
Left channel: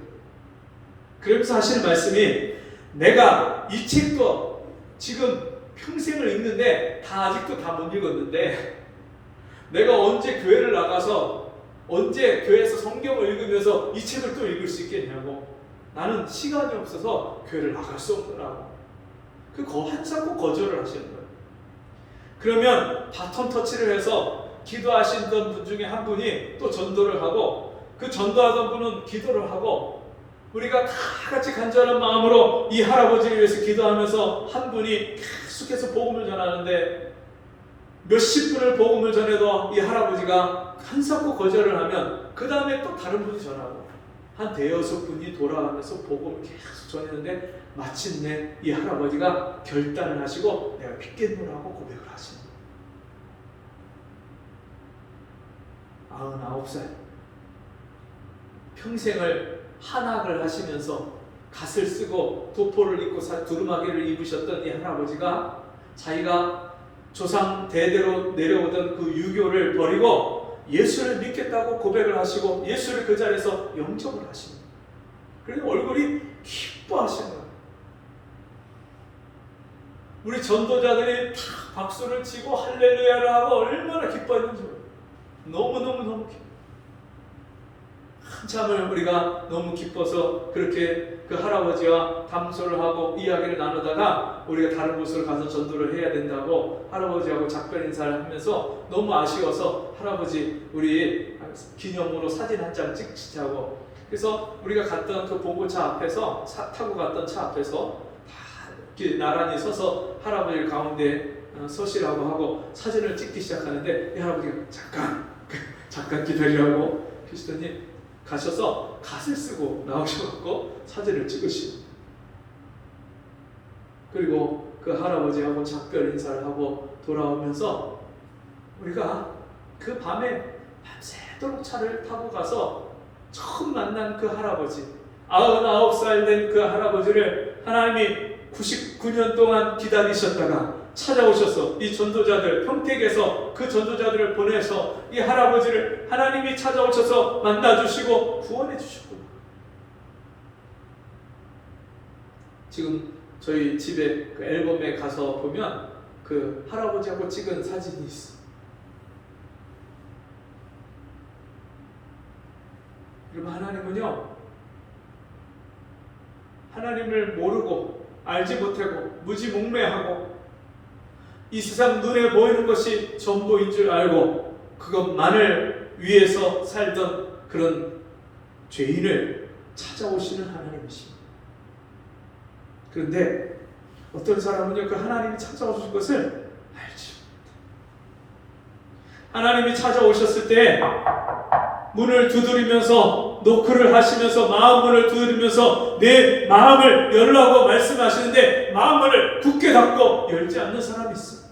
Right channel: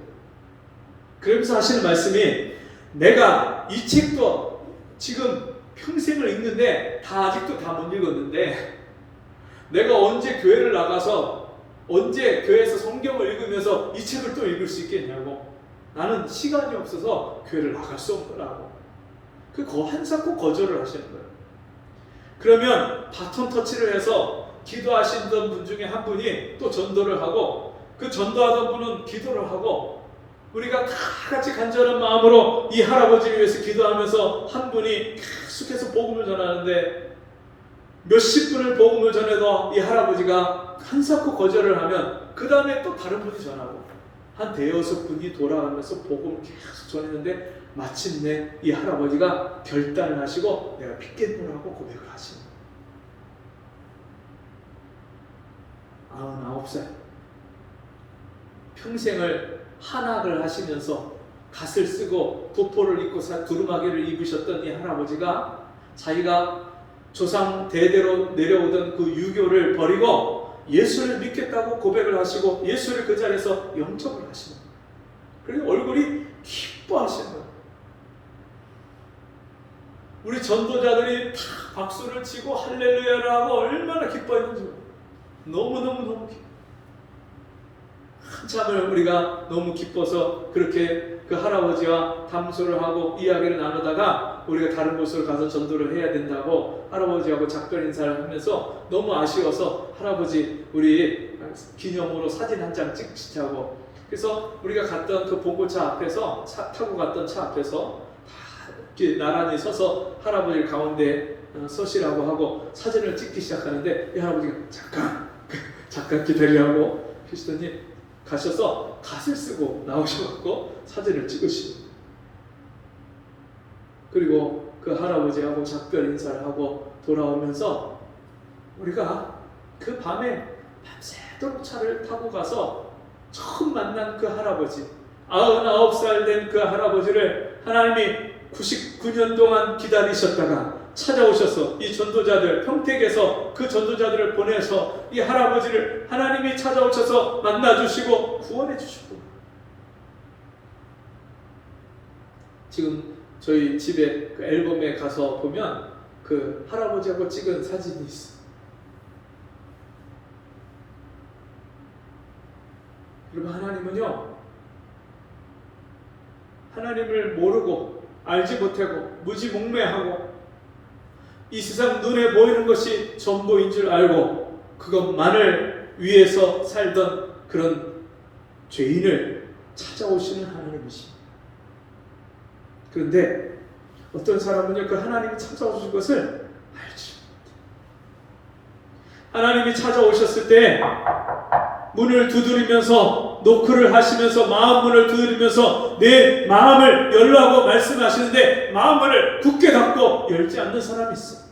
그러면서 하시는 말씀이 내가 이 책도 지금 평생을 읽는데 아직도 다 못 읽었는데 내가 언제 교회를 나가서 언제 교회에서 성경을 읽으면서 이 책을 또 읽을 수 있겠냐고. 나는 시간이 없어서 교회를 나갈 수 없더라고. 한사코 거절을 하시는 거예요. 그러면 바톤 터치를 해서 기도하시던 분 중에 한 분이 또 전도를 하고 그 전도하던 분은 기도를 하고 우리가 다 같이 간절한 마음으로 이 할아버지를 위해서 기도하면서 한 분이 계속해서 복음을 전하는데 몇십 분을 복음을 전해도 이 할아버지가 한사코 거절을 하면 그 다음에 또 다른 분이 전하고 한 대여섯 분이 돌아가면서 복음을 계속 전했는데 마침내 이 할아버지가 결단을 하시고 내가 믿겠노라고 고백을 하시는 거예요. 99살 평생을 한학을 하시면서 갓을 쓰고 도포를 입고 두루마기를 입으셨던 이 할아버지가 자기가 조상 대대로 내려오던 그 유교를 버리고 예수를 믿겠다고 고백을 하시고 예수를 그 자리에서 영접을 하시는 거예요. 그리고 얼굴이 기뻐하시는 거예요. 우리 전도자들이 다 박수를 치고 할렐루야를 하고 얼마나 기뻐했는지 몰라요. 너무너무 기뻐. 한참을 우리가 너무 기뻐서 그렇게 그 할아버지와 담소를 하고 이야기를 나누다가 우리가 다른 곳으로 가서 전도를 해야 된다고 할아버지하고 작별 인사를 하면서 너무 아쉬워서 할아버지 우리 기념으로 사진 한 장 찍자고. 그래서 우리가 갔던 그 봉고차 앞에서 타고 갔던 차 앞에서 다 이렇게 나란히 서서 할아버지를 가운데 서시라고 하고 사진을 찍기 시작하는데 이 할아버지가 잠깐 기다리라고 그러시더니 가셔서 갓을 쓰고 나오셔갖고 사진을 찍으시고 그리고 그 할아버지하고 작별 인사를 하고 돌아오면서 우리가 그 밤에 밤새도록 차를 타고 가서 처음 만난 그 할아버지 99살 된 그 할아버지를 하나님이 99년 동안 기다리셨다가 찾아오셔서 이 전도자들 평택에서 그 전도자들을 보내서 이 할아버지를 하나님이 찾아오셔서 만나주시고 구원해 주셨고 지금 저희 집에 그 앨범에 가서 보면 그 할아버지하고 찍은 사진이 있어. 여러분, 하나님은요, 하나님을 모르고 알지 못하고 무지몽매하고 이 세상 눈에 보이는 것이 전부인 줄 알고 그것만을 위해서 살던 그런 죄인을 찾아오시는 하나님이십니다. 그런데 어떤 사람은요, 그 하나님이 찾아오신 것을 알지 못해요. 하나님이 찾아오셨을 때 문을 두드리면서 노크를 하시면서 마음 문을 두드리면서 내 마음을 열라고 말씀하시는데 마음문을 굳게 닫고 열지 않는 사람이 있어.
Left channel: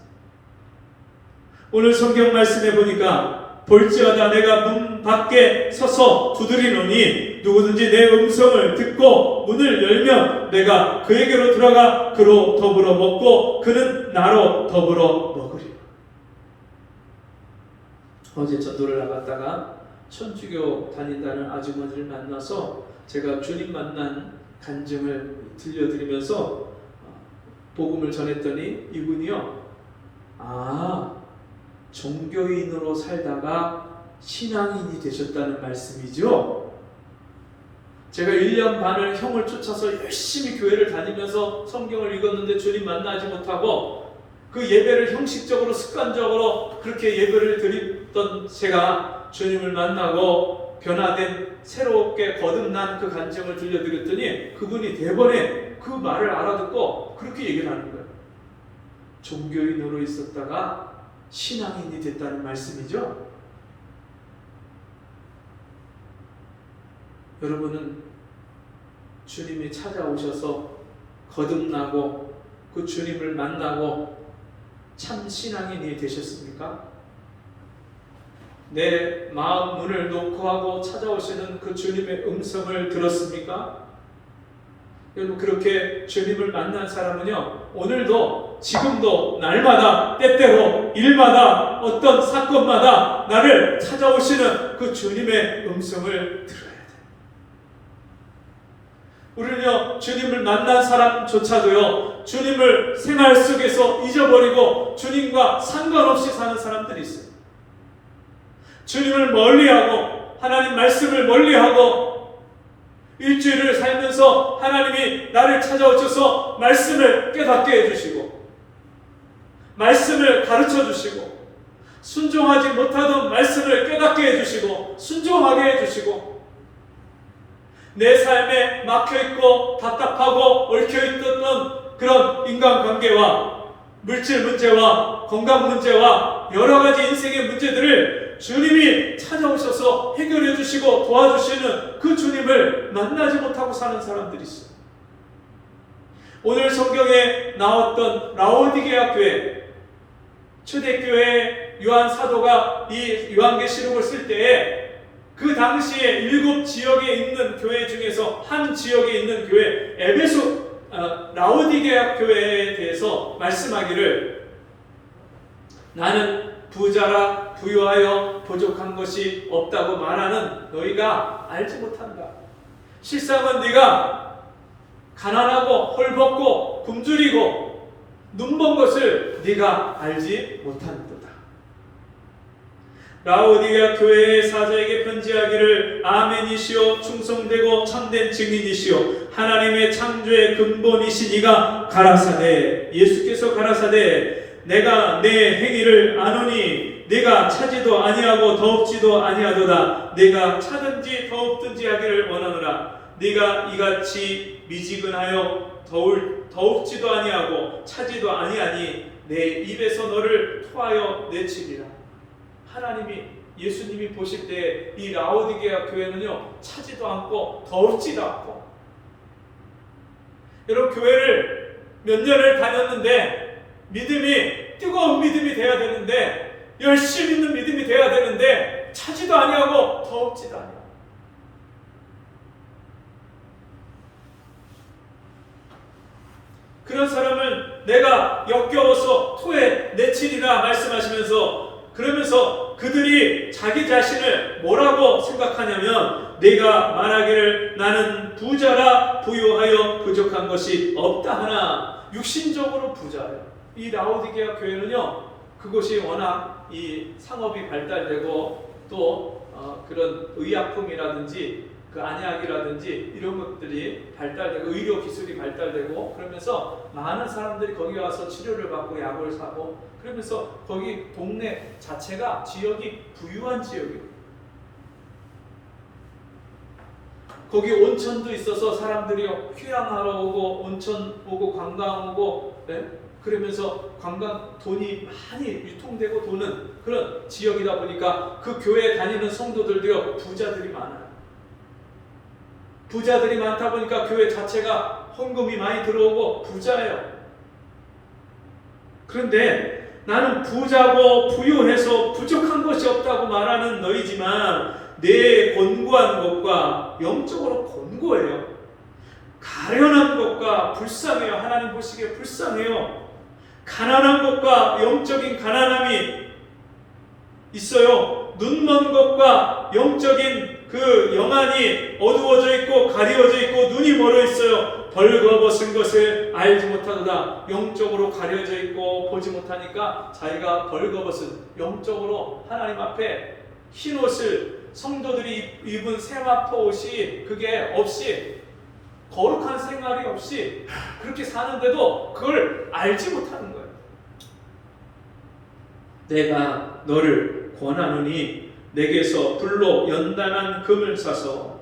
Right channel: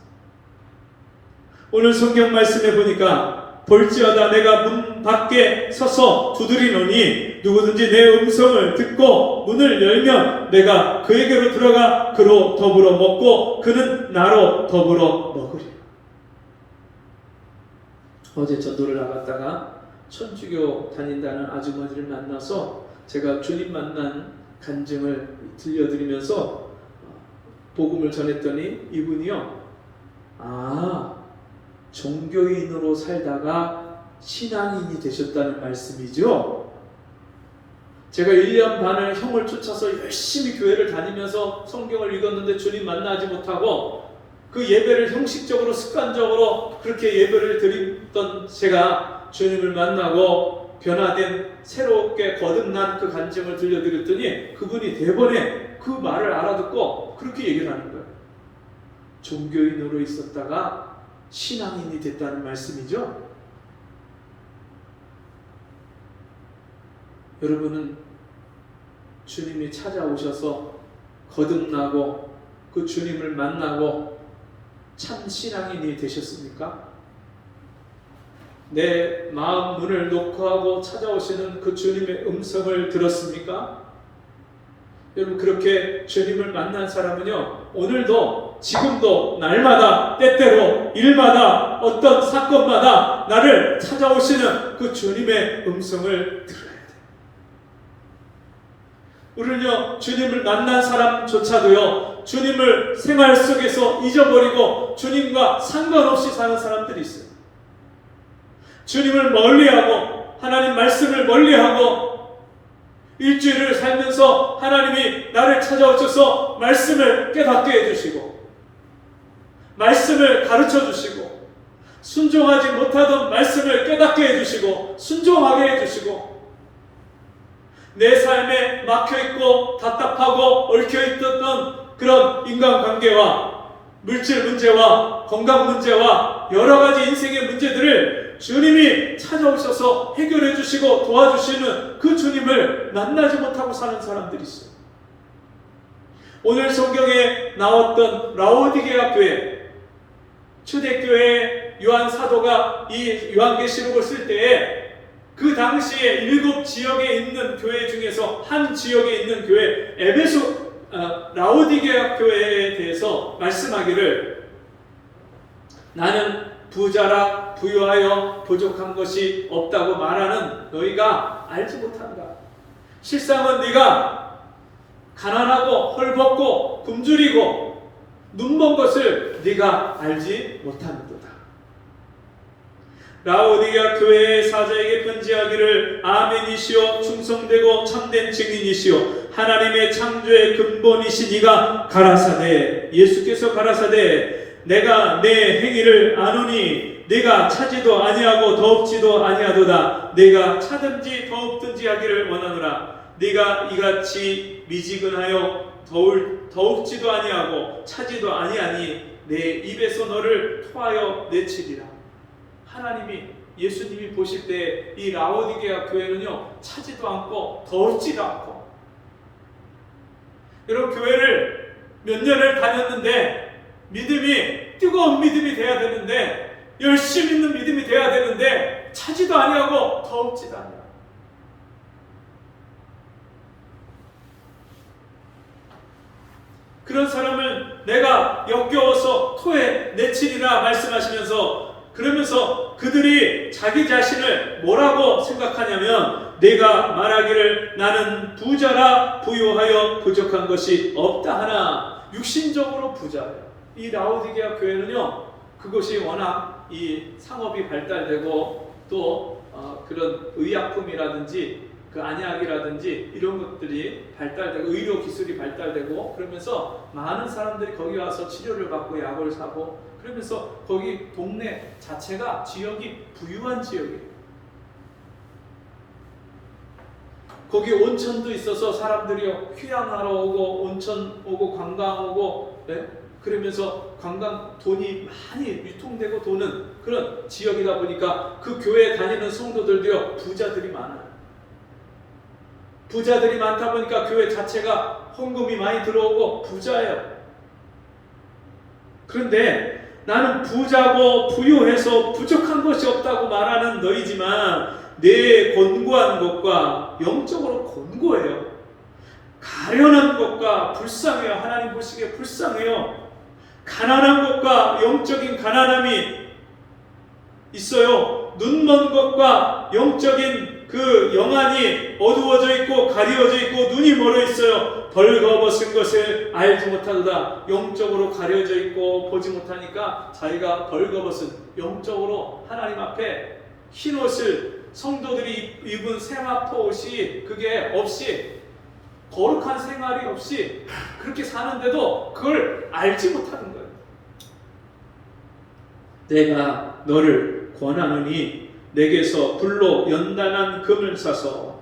오늘 성경 말씀에 보니까 볼지어다 내가 문 밖에 서서 두드리노니 누구든지 내 음성을 듣고 문을 열면 내가 그에게로 들어가 그로 더불어 먹고 그는 나로 더불어 먹으리라. 어제 전도를 나갔다가 천주교 다닌다는 아주머니를 만나서 제가 주님 만난 간증을 들려드리면서 복음을 전했더니 이분이요, 종교인으로 살다가 신앙인이 되셨다는 말씀이죠. 제가 1년 반을 형을 쫓아서 열심히 교회를 다니면서 성경을 읽었는데 주님 만나지 못하고 그 예배를 형식적으로 습관적으로 그렇게 예배를 드리던 제가 주님을 만나고 변화된 새롭게 거듭난 그 간증을 들려드렸더니 그분이 대번에 그 말을 알아듣고 그렇게 얘기를 하는 거예요. 종교인으로 있었다가 신앙인이 됐다는 말씀이죠. 여러분은 주님이 찾아오셔서 거듭나고 그 주님을 만나고 참 신앙인이 되셨습니까? 내 마음 문을 노크하고 찾아오시는 그 주님의 음성을 들었습니까? 여러분, 그렇게 주님을 만난 사람은요, 오늘도 지금도 날마다 때때로 일마다 어떤 사건마다 나를 찾아오시는 그 주님의 음성을 들어야 돼요. 우리는요, 주님을 만난 사람조차도요, 주님을 생활 속에서 잊어버리고 주님과 상관없이 사는 사람들이 있어요. 주님을 멀리하고 하나님 말씀을 멀리하고 일주일을 살면서 하나님이 나를 찾아오셔서 말씀을 깨닫게 해주시고 말씀을 가르쳐 주시고 순종하지 못하던 말씀을 깨닫게 해주시고 순종하게 해주시고 내 삶에 막혀있고 답답하고 얽혀있던 그런 인간관계와 물질 문제와 건강 문제와 여러 가지 인생의 문제들을 주님이 찾아오셔서 해결해 주시고 도와주시는 그 주님을 만나지 못하고 사는 사람들이 있어요. 오늘 성경에 나왔던 라오디게아 교회, 초대교회 요한 사도가 이 요한계시록을 쓸 때에 그 당시에 7 지역에 있는 교회 중에서 한 지역에 있는 교회 라오디게아 교회에 대해서 말씀하기를 나는 부자라 부유하여 부족한 것이 없다고 말하는 너희가 알지 못한다. 실상은 네가 가난하고 헐벗고 굶주리고 눈먼 것을 네가 알지 못하는도다. 라오디게아 교회의 사자에게 편지하기를 아멘이시오 충성되고 참된 증인이시오 하나님의 창조의 근본이시니가 가라사대 예수께서 가라사대 내가 내 행위를 아노니 내가 차지도 아니하고 더웁지도 아니하도다. 내가 차든지 더웁든지 하기를 원하노라. 네가 이같이 미지근하여 더웁지도 아니하고 차지도 아니하니 내 입에서 너를 토하여 내치리라. 하나님이 예수님이 보실 때 이 라오디게아 교회는요 차지도 않고 더울지도 않고 여러분 교회를 몇 년을 다녔는데 믿음이 뜨거운 믿음이 돼야 되는데 열심히 있는 믿음이 돼야 되는데 차지도 아니하고 더웁지도 아니하고 그런 사람을 내가 역겨워서 토해 내치리라 말씀하시면서 그러면서 그들이 자기 자신을 뭐라고 생각하냐면 내가 말하기를 나는 부자라 부유하여 부족한 것이 없다 하나 육신적으로 부자예요. 이 라오디게아 교회는요 그것이 워낙 이 상업이 발달되고 또 그런 의약품이라든지 그 안약이라든지 이런 것들이 발달되고 의료 기술이 발달되고 그러면서 많은 사람들이 거기 와서 치료를 받고 약을 사고 그러면서 거기 동네 자체가 지역이 부유한 지역이에요. 거기 온천도 있어서 사람들이 휴양하러 오고 온천 오고 관광 오고 네? 그러면서 관광 돈이 많이 유통되고 도는 그런 지역이다 보니까 그 교회에 다니는 성도들도요 부자들이 많아요. 부자들이 많다 보니까 교회 자체가 헌금이 많이 들어오고 부자예요. 그런데 나는 부자고 부유해서 부족한 것이 없다고 말하는 너희지만 내 곤고한 것과 영적으로 곤고해요. 가련한 것과 불쌍해요. 하나님 보시기에 불쌍해요. 가난한 것과 영적인 가난함이 있어요. 눈먼 것과 영적인 그 영안이 어두워져 있고 가리워져 있고 눈이 멀어 있어요. 벌거벗은 것을 알지 못하도다. 영적으로 가려져 있고 보지 못하니까 자기가 벌거벗은 영적으로 하나님 앞에 흰 옷을 성도들이 입은 세마포 옷이 그게 없이 거룩한 생활이 없이 그렇게 사는데도 그걸 알지 못하는 거예요. 내가 너를 권하노니 내게서 불로 연단한 금을 사서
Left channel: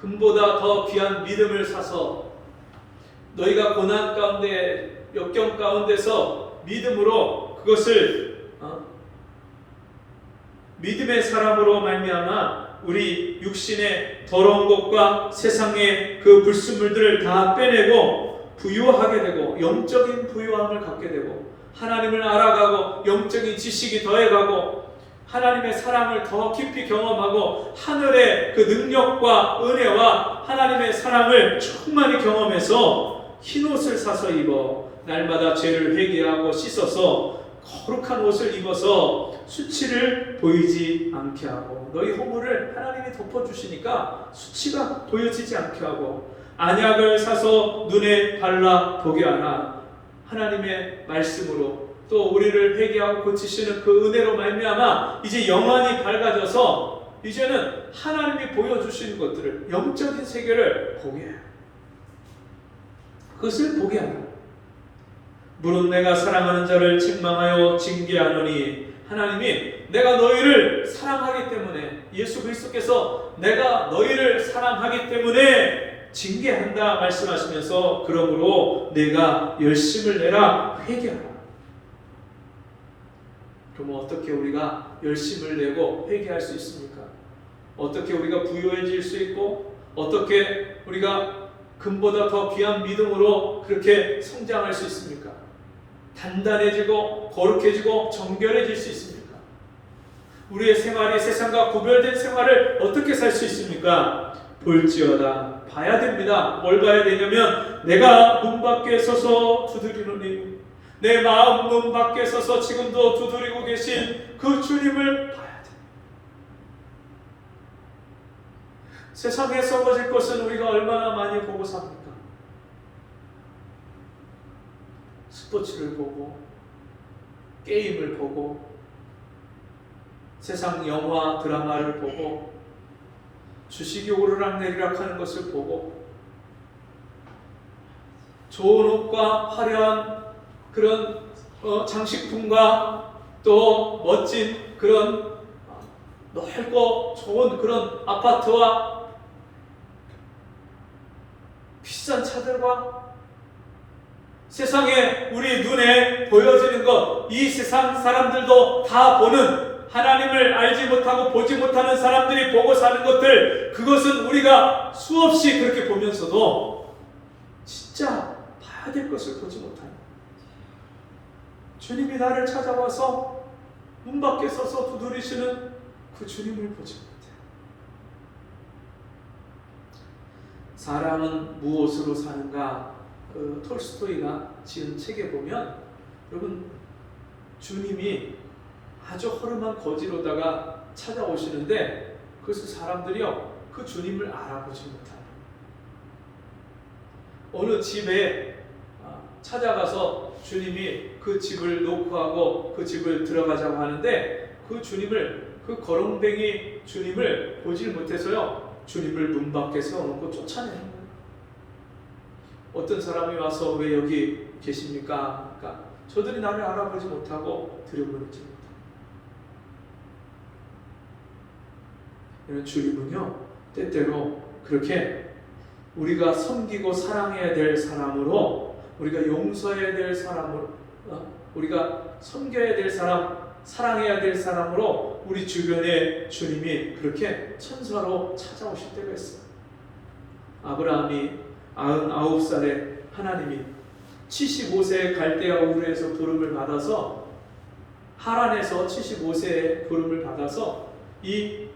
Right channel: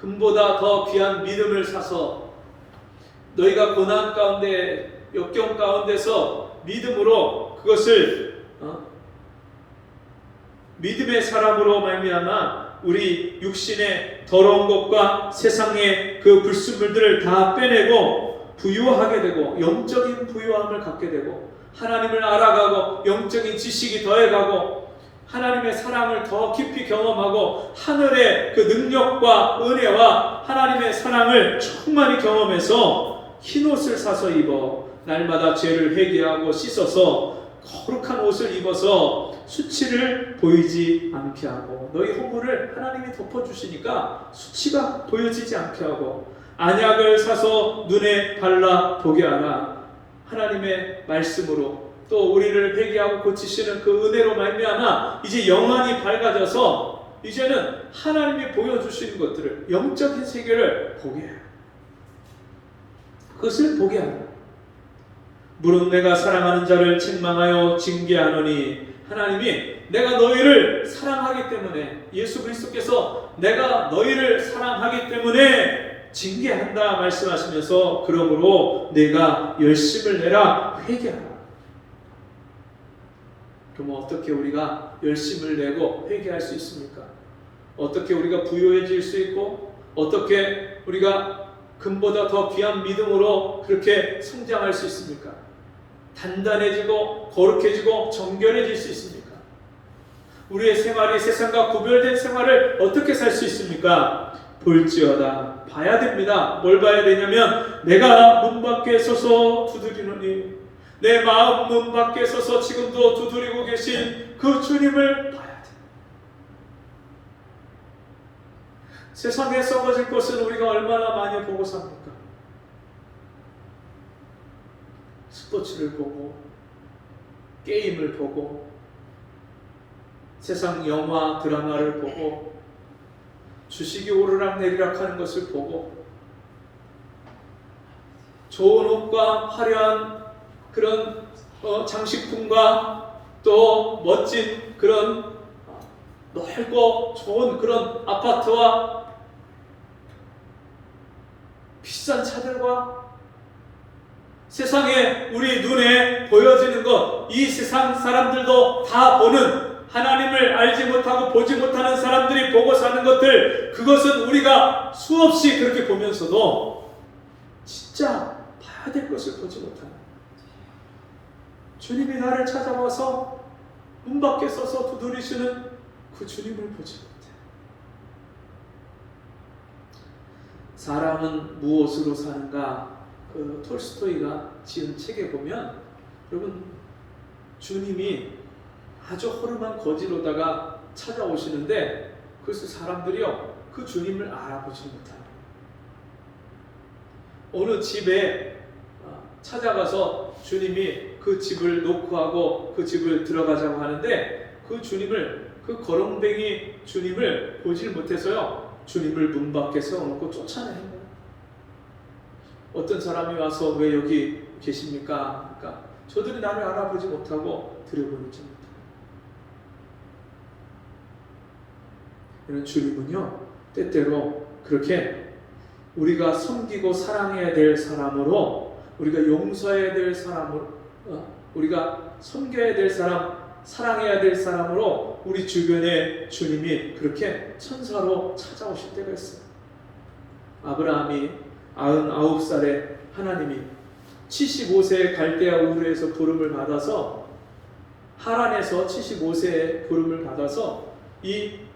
금보다 더 귀한 믿음을 사서 너희가 고난 가운데 역경 가운데서 믿음으로 그것을 믿음의 사람으로 말미암아 우리 육신의 더러운 것과 세상의 그 불순물들을 다 빼내고 부유하게 되고 영적인 부유함을 갖게 되고 하나님을 알아가고 영적인 지식이 더해가고 하나님의 사랑을 더 깊이 경험하고 하늘의 그 능력과 은혜와 하나님의 사랑을 충만히 경험해서 흰옷을 사서 입어 날마다 죄를 회개하고 씻어서 거룩한 옷을 입어서 수치를 보이지 않게 하고 너희 허물을 하나님이 덮어주시니까 수치가 보여지지 않게 하고 안약을 사서 눈에 발라 보게 하라. 하나님의 말씀으로 또 우리를 회개하고 고치시는 그 은혜로 말미암아 이제 영안이 밝아져서 이제는 하나님이 보여주시는 것들을 영적인 세계를 보게 해요. 그것을 보게 하라. 물은 내가 사랑하는 자를 책망하여 징계하노니 하나님이 내가 너희를 사랑하기 때문에 예수 그리스도께서 내가 너희를 사랑하기 때문에 징계한다 말씀하시면서 그러므로 내가 열심을 내라 회개하라. 그럼 어떻게 우리가 열심을 내고 회개할 수 있습니까? 어떻게 우리가 부유해질 수 있고 어떻게 우리가 금보다 더 귀한 믿음으로 그렇게 성장할 수 있습니까? 단단해지고 거룩해지고 정결해질 수 있습니까? 우리의 생활이 세상과 구별된 생활을 어떻게 살 수 있습니까? 볼지어다 봐야 됩니다. 뭘 봐야 되냐면 내가 문 밖에 서서 두드리노니 내 마음 문 밖에 서서 지금도 두드리고 계신 그 주님을 봐야 돼. 세상에 썩어질 것은 우리가 얼마나 많이 보고 삽니까? 스포츠를 보고 게임을 보고 세상 영화 드라마를 보고 주식이 오르락내리락 하는 것을 보고 좋은 옷과 화려한 그런 장식품과 또 멋진 그런 넓고 좋은 그런 아파트와 비싼 차들과 세상에 우리 눈에 보여지는 것, 이 세상 사람들도 다 보는 하나님을 알지 못하고 보지 못하는 사람들이 보고 사는 것들, 그것은 우리가 수없이 그렇게 보면서도 진짜 봐야 될 것을 보지 못하는, 주님이 나를 찾아와서 문 밖에 서서 두드리시는 그 주님을 보지 못해. 사람은 무엇으로 사는가? 그 톨스토이가 지은 책에 보면 여러분 주님이 아주 허름한 거지로다가 찾아오시는데 그것을 사람들이요 그 주님을 알아보지 못하는, 어느 집에 찾아가서 주님이 그 집을 놓고 하고 그 집을 들어가자고 하는데 그 주님을 그 거렁뱅이 주님을 보질 못해서요, 주님을 문 밖에 세워놓고 쫓아내는 거예요. 어떤 사람이 와서 왜 여기 계십니까? 그러니까 저들이 나를 알아보지 못하고 들여보내지 못합니다. 주님은요, 때때로 그렇게 우리가 섬기고 사랑해야 될 사람으로, 우리가 용서해야 될 사람으로, 우리가 섬겨야 될 사람, 사랑해야 될 사람으로 우리 주변에 주님이 그렇게 천사로 찾아오실 때가 있어요. 아브라함이 99살에 하나님이 75세에 갈대아 우르에서 부름을 받아서, 하란에서 75세에 부름을 받아서 이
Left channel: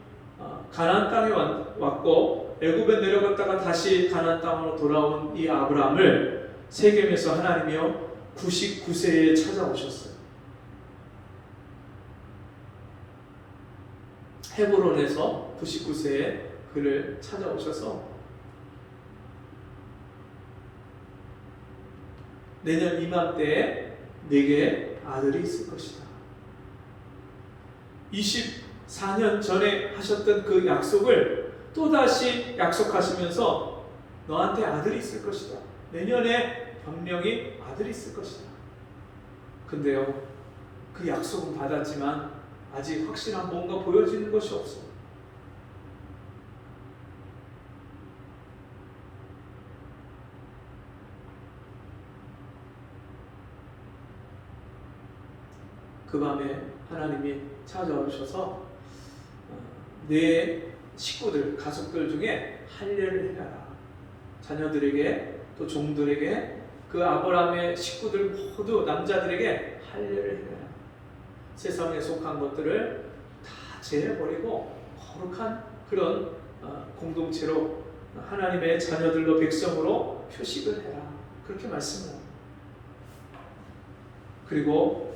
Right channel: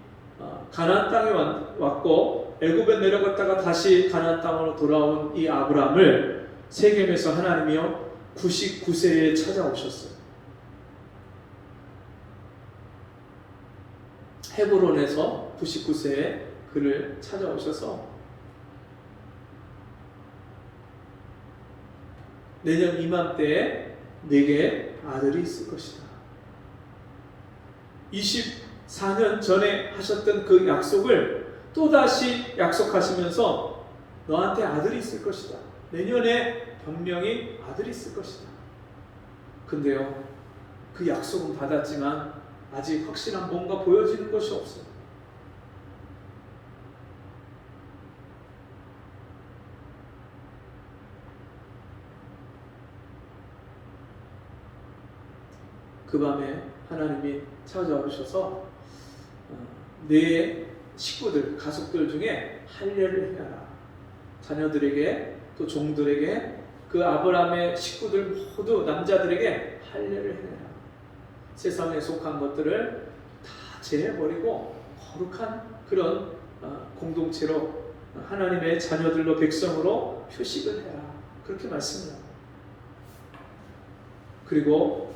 가나안 땅에 왔고, 애굽에 내려갔다가 다시 가나안 땅으로 돌아온 이 아브라함을 세겜에서 하나님이요 99세에 찾아오셨어요. 헤브론에서 99세에 그를 찾아오셔서 내년 이맘때에 네게 아들이 있을 것이다. 24년 전에 하셨던 그 약속을 또다시 약속하시면서 너한테 아들이 있을 것이다. 내년에 분명히 아들이 있을 것이다. 근데요, 그 약속은 받았지만 아직 확실한 뭔가 보여지는 것이 없어요. 그 밤에 하나님이 찾아오셔서 내 식구들, 가족들 중에 할례를 해라. 자녀들에게, 또 종들에게, 그 아브라함의 식구들 모두 남자들에게 할례를 해라. 세상에 속한 것들을 다 제해버리고 거룩한 그런 공동체로, 하나님의 자녀들로, 백성으로 표식을 해라. 그렇게 말씀을 합니다. 그리고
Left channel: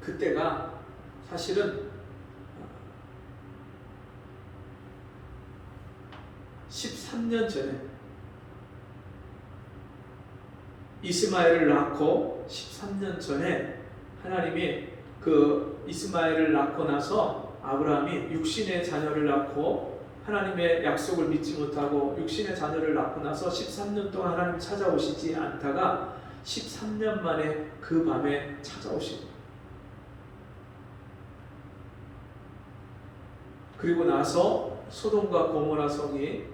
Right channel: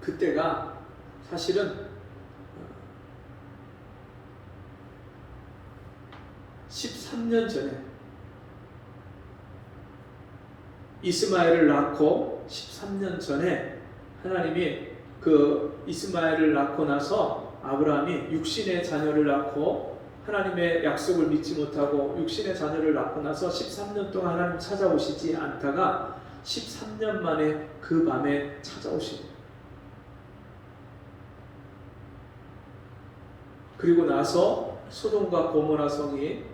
그때가 사실은 13년 전에 이스마엘을 낳고 13년 전에 하나님이 그 이스마엘을 낳고 나서 아브라함이 육신의 자녀를 낳고 하나님의 약속을 믿지 못하고 육신의 자녀를 낳고 나서 13년 동안 하나님 찾아오시지 않다가 13년 만에 그 밤에 찾아오신 거예요. 그리고 나서 소돔과 고모라 성이,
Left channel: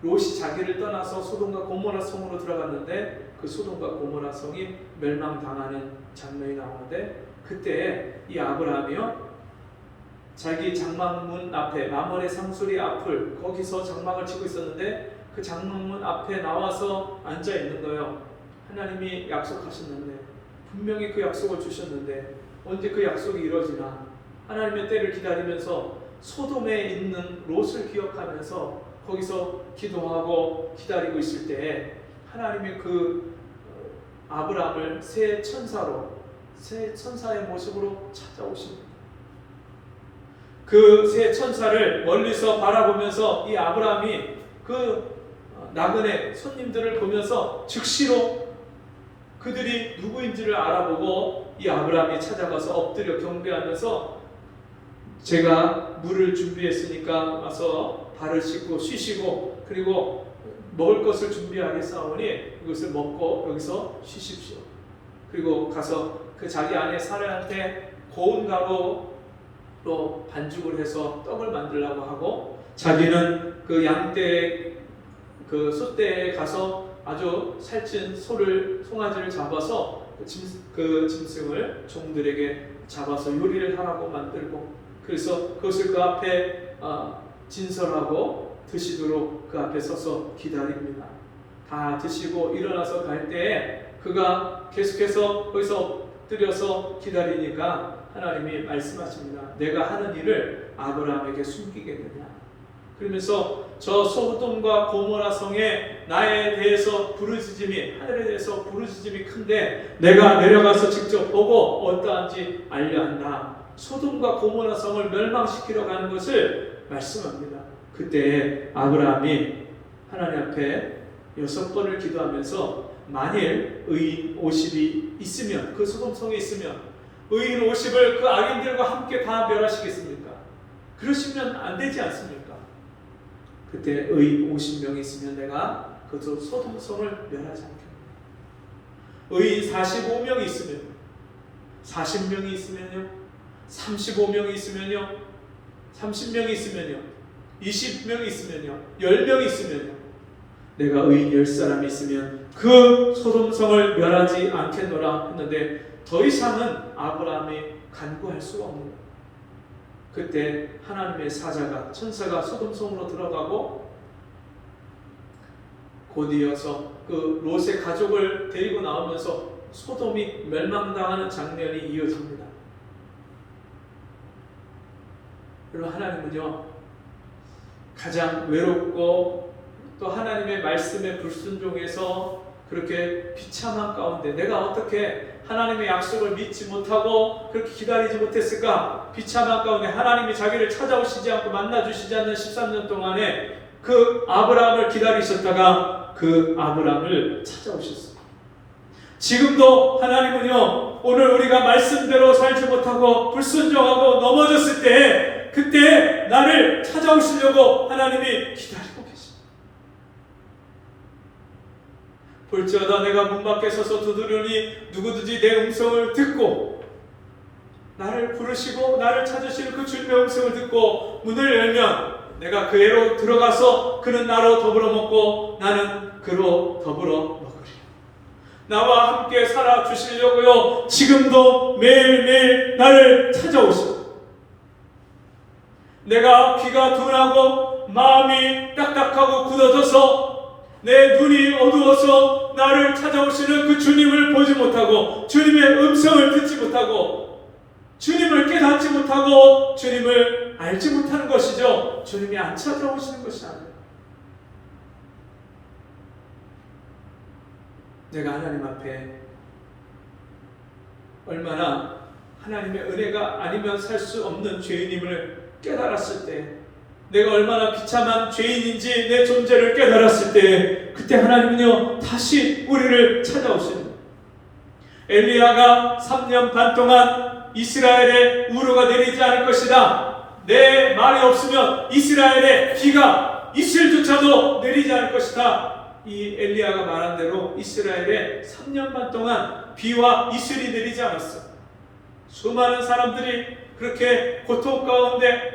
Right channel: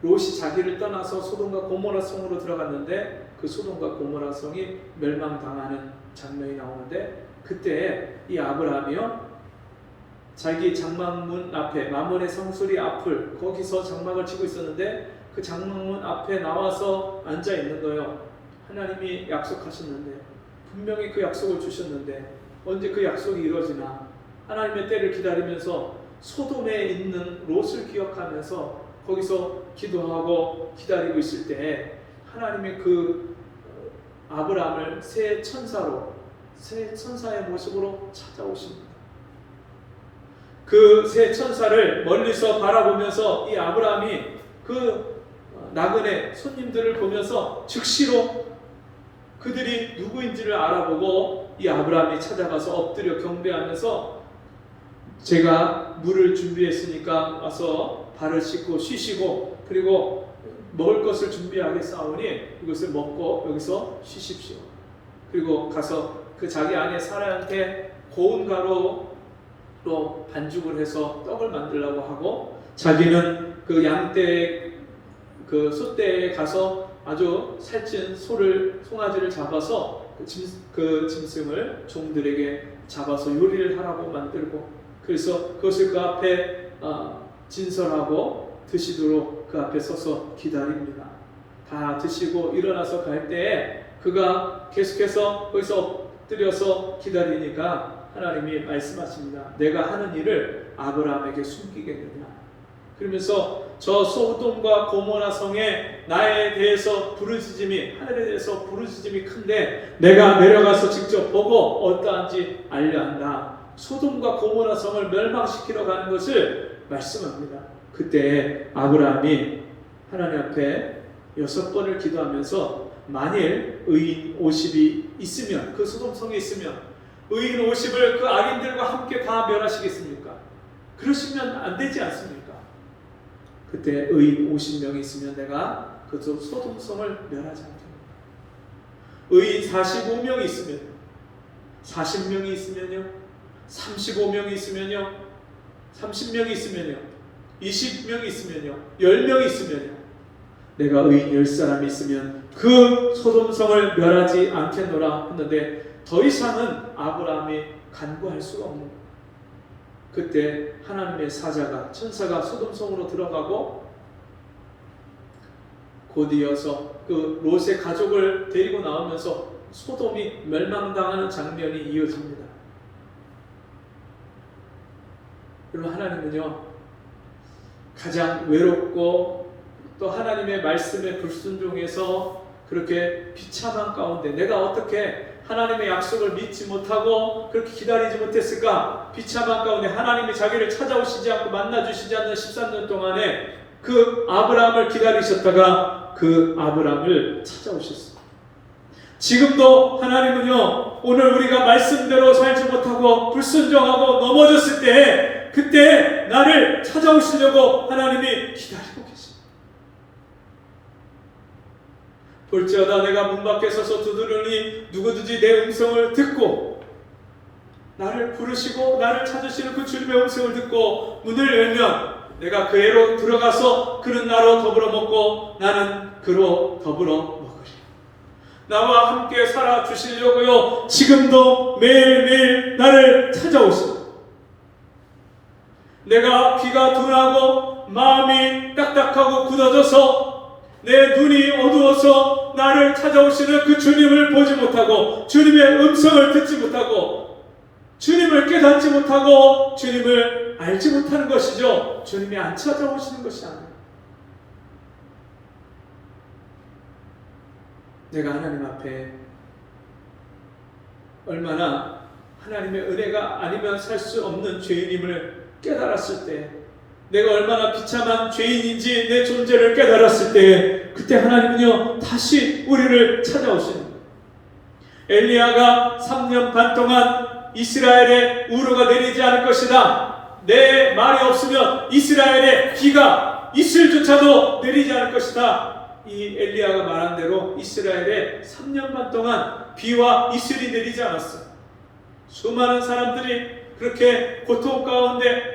롯이 자기를 떠나서 소돔과 고모라 성으로 들어갔는데 그 소돔과 고모라 성이 멸망당하는 장면이 나오는데, 그때 이 아브라함이요 자기 장막문 앞에, 마몬의 상수리 앞을, 거기서 장막을 치고 있었는데 그 장막문 앞에 나와서 앉아 있는 거예요. 하나님이 약속하셨는데, 분명히 그 약속을 주셨는데 언제 그 약속이 이루어지나, 하나님의 때를 기다리면서 소돔에 있는 롯을 기억하면서 거기서 기도하고 기다리고 있을 때 하나님이 그 아브라함을 새 천사로, 새 천사의 모습으로 찾아오십니다. 그 새 천사를 멀리서 바라보면서 이 아브라함이 그 나그네 손님들을 보면서 즉시로 그들이 누구인지를 알아보고 이 아브라함이 찾아가서 엎드려 경배하면서, 제가 물을 준비했으니까 와서 발을 씻고 쉬시고, 그리고 먹을 것을 준비하겠사오니 이것을 먹고 여기서 쉬십시오. 그리고 가서 그 자기 아내 사라한테 고운 가루로 반죽을 해서 떡을 만들려고 하고, 자기는 그 양떼, 그 소떼에 가서 아주 살찐 송아지를 잡아서 그 짐승을 종들에게 잡아서 요리를 하라고 만들고, 그래서 그것을 그 앞에 진설하고 드시도록 그 앞에 서서 기다립니다. 다 드시고 일어나서 갈 때에 그가 계속해서 거기서 엎드려서 기다리니까 하나님이 말씀하십니다. 내가 하는 일을 아브라함에게 숨기겠느냐. 그러면서 저 소돔과 고모라 성에 나에 대해서 부르짖음이, 하늘에 대해서 부르짖음이 큰데 내가 내려가서 직접 보고 어떠한지 알려한다. 소돔과 고모라 성을 멸망시키러 가는 것을 말씀합니다. 그때 아브라함이 하나님 앞에 6번을 기도하면서 만일 의인 50이 있으면, 그 소돔성에 있으면 의인 50을 그 악인들과 함께 다 멸하시겠습니까? 그러시면 안 되지 않습니까? 그때 의인 50명이 있으면 내가 그 소돔성을 멸하지 않겠습니다. 의인 45명이 있으면, 40명이 있으면요, 35명이 있으면요, 30명이 있으면요, 20명이 있으면요, 10명이 있으면요, 내가 의인 10사람이 있으면 그 소돔성을 멸하지 않겠노라 했는데 더 이상은 아브라함이 간구할 수가 없는 거예요. 그때 하나님의 사자가, 천사가 소돔성으로 들어가고 곧이어서 그 롯의 가족을 데리고 나오면서 소돔이 멸망당하는 장면이 이어집니다. 그럼 하나님은요, 가장 외롭고 또 하나님의 말씀에 불순종해서 그렇게 비참한 가운데 내가 어떻게 하나님의 약속을 믿지 못하고 그렇게 기다리지 못했을까? 비참한 가운데 하나님이 자기를 찾아오시지 않고 만나주시지 않는 13년 동안에 그 아브라함을 기다리셨다가 그 아브라함을 찾아오셨습니다. 지금도 하나님은요, 오늘 우리가 말씀대로 살지 못하고 불순종하고 넘어졌을 때 그때 나를 찾아오시려고 하나님이 기다리고 계십니다. 볼지어다 내가 문 밖에 서서 두드리니 누구든지 내 음성을 듣고 나를 부르시고 나를 찾으시는 그 주님의 음성을 듣고 문을 열면 내가 그 애로 들어가서 그는 나로 더불어 먹고 나는 그로 더불어 먹으리라. 나와 함께 살아 주시려고요, 지금도 매일매일 나를 찾아오십니다. 내가 귀가 둔하고 마음이 딱딱하고 굳어져서 내 눈이 어두워서 나를 찾아오시는 그 주님을 보지 못하고 주님의 음성을 듣지 못하고 주님을 깨닫지 못하고 주님을 알지 못하는 것이죠. 주님이 안 찾아오시는 것이 아니에요. 내가 하나님 앞에 얼마나 하나님의 은혜가 아니면 살 수 없는 죄인임을 깨달았을 때, 내가 얼마나 비참한 죄인인지 내 존재를 깨달았을 때, 그때 하나님은요 다시 우리를 찾아오시는 거예요. 엘리야가 3년 반 동안 이스라엘에 우로가 내리지 않을 것이다, 내 말이 없으면 이스라엘에 비가 이슬조차도 내리지 않을 것이다, 이 엘리야가 말한 대로 이스라엘에 3년 반 동안 비와 이슬이 내리지 않았어요. 수많은 사람들이 그렇게 고통 가운데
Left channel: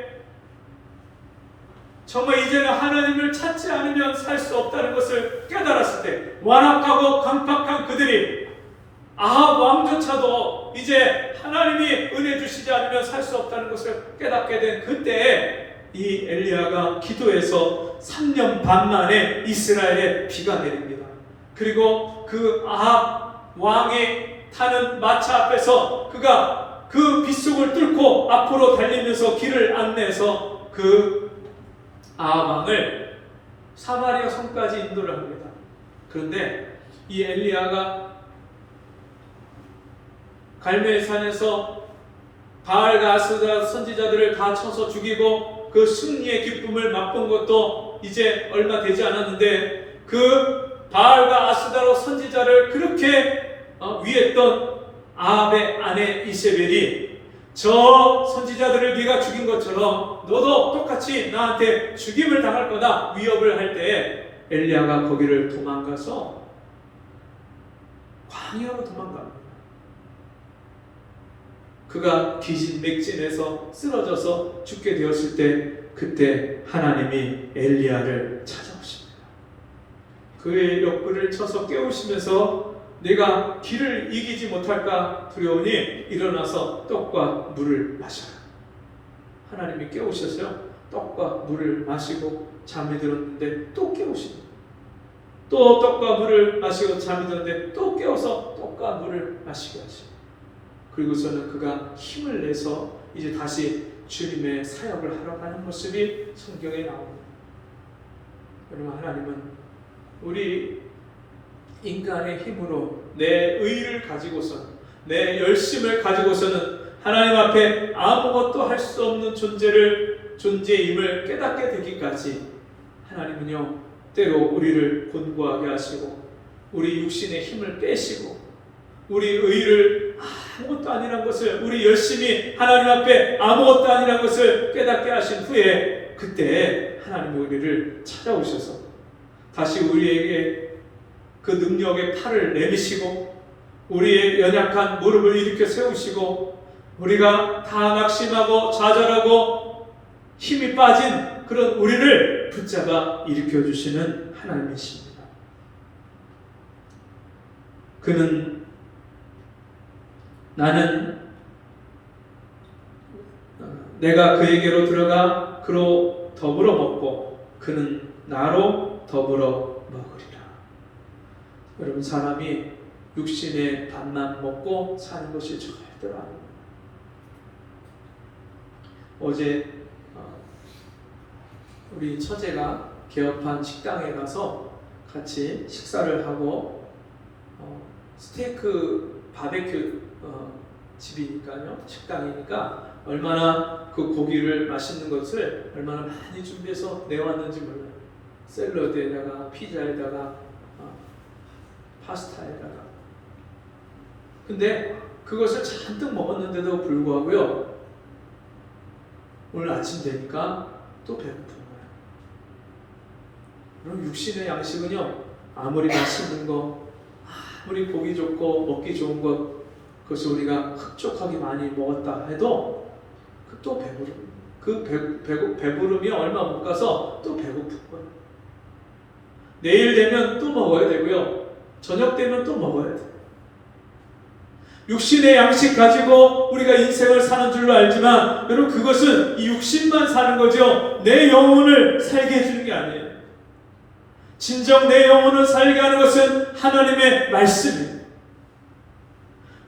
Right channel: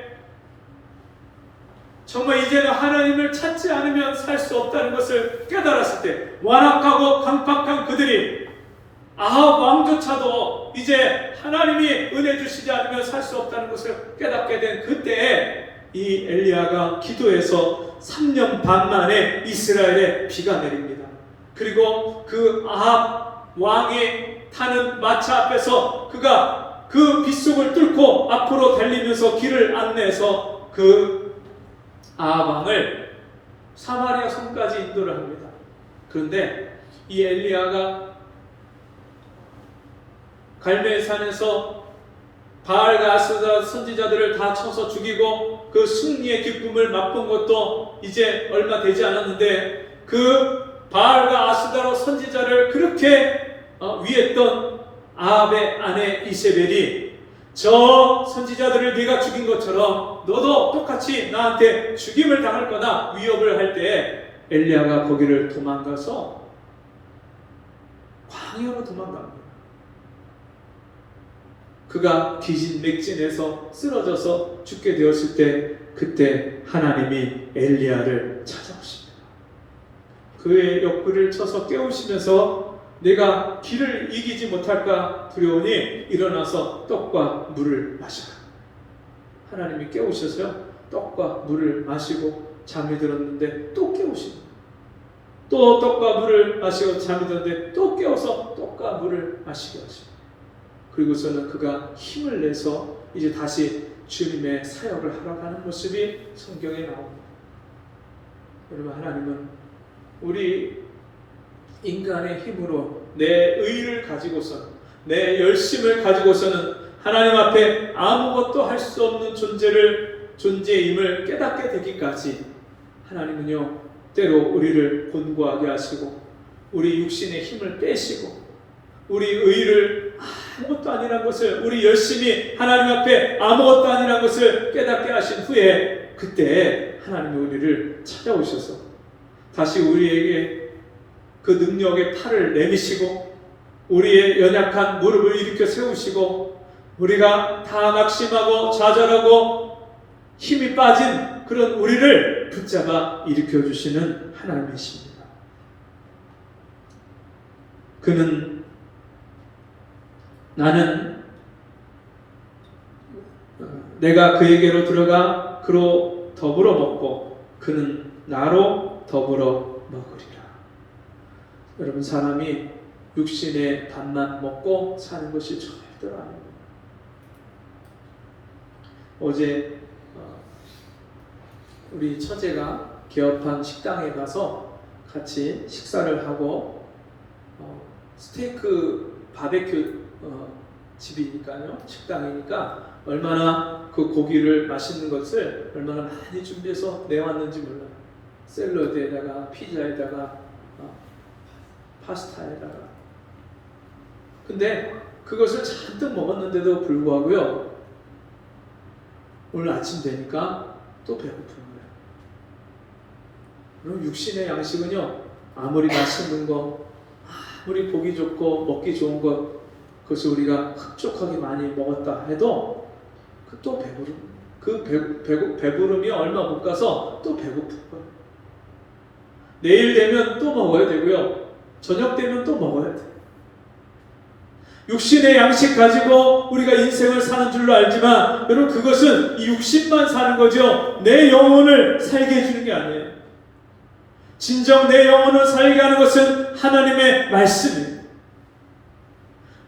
정말 이제는 하나님을 찾지 않으면 살 수 없다는 것을 깨달았을 때, 완악하고 강팍한 그들이 아합 왕조차도 이제 하나님이 은혜 주시지 않으면 살 수 없다는 것을 깨닫게 된 그때에 이 엘리야가 기도해서 3년 반 만에 이스라엘에 비가 내립니다. 그리고 그 아합 왕이 타는 마차 앞에서 그가 그 빗속을 뚫고 앞으로 달리면서 길을 안내해서 그 아합 왕을 사마리아 성까지 인도를 합니다. 그런데 이 엘리야가 갈멜산에서 바알과 아스다 선지자들을 다 쳐서 죽이고 그 승리의 기쁨을 맛본 것도 이제 얼마 되지 않았는데, 그 바알과 아스다로 선지자를 그렇게 위했던 아합의 아내 이세벨이 저 선지자들을 네가 죽인 것처럼 너도 똑같이 나한테 죽임을 당할 거다 위협을 할 때, 엘리야가 거기를 도망가서 광야로 도망갑니다. 그가 기진맥진해서 쓰러져서 죽게 되었을 때, 그때 하나님이 엘리야를 찾아오십니다. 그의 옆구리를 쳐서 깨우시면서 내가 길을 이기지 못할까 두려우니 일어나서 떡과 물을 마셔라. 하나님이 깨우셔서 떡과 물을 마시고 잠이 들었는데 또 깨우십니다. 또 떡과 물을 마시고 잠이 들었는데 또 깨워서 떡과 물을 마시게 하십니다. 그리고서는 그가 힘을 내서 이제 다시 주님의 사역을 하러 가는 모습이 성경에 나옵니다. 여러분, 하나님은 우리 인간의 힘으로 내 의를 가지고서는, 내 열심을 가지고서는 하나님 앞에 아무것도 할 수 없는 존재임을 깨닫게 되기까지 하나님은요 때로 우리를 곤고하게 하시고 우리 육신의 힘을 빼시고 우리 의를 아무것도 아니란 것을, 우리 열심히 하나님 앞에 아무것도 아니란 것을 깨닫게 하신 후에 그때 하나님의 우리를 찾아오셔서 다시 우리에게 그 능력의 팔을 내미시고 우리의 연약한 무릎을 일으켜 세우시고 우리가 다 낙심하고 좌절하고 힘이 빠진 그런 우리를 붙잡아 일으켜 주시는 하나님이십니다. 그는 나는 내가 그에게로 들어가 그로 더불어 먹고 그는 나로 더불어 먹으리라. 여러분, 사람이 육신의 밥만 먹고 사는 것이 절대로 아닙니다. 어제 우리 처제가 개업한 식당에 가서 같이 식사를 하고 스테이크 바베큐 집이니까요, 식당이니까 얼마나 그 고기를 맛있는 것을 얼마나 많이 준비해서 내왔는지 몰라요. 샐러드에다가 피자에다가 파스타에다가. 근데 그것을 잔뜩 먹었는데도 불구하고요, 오늘 아침 되니까 또 배고픈 거예요. 그럼 육신의 양식은요, 아무리 맛있는 거, 아무리 보기 좋고 먹기 좋은 것, 그것을 우리가 흡족하게 많이 먹었다 해도 또 배부름, 배부름이 얼마 못 가서 또 배고픈 거예요. 내일 되면 또 먹어야 되고요, 저녁 되면 또 먹어야 돼요. 육신의 양식 가지고 우리가 인생을 사는 줄로 알지만 여러분, 그것은 이 육신만 사는 거죠. 내 영혼을 살게 해주는 게 아니에요. 진정 내 영혼을 살게 하는 것은 하나님의 말씀이에요.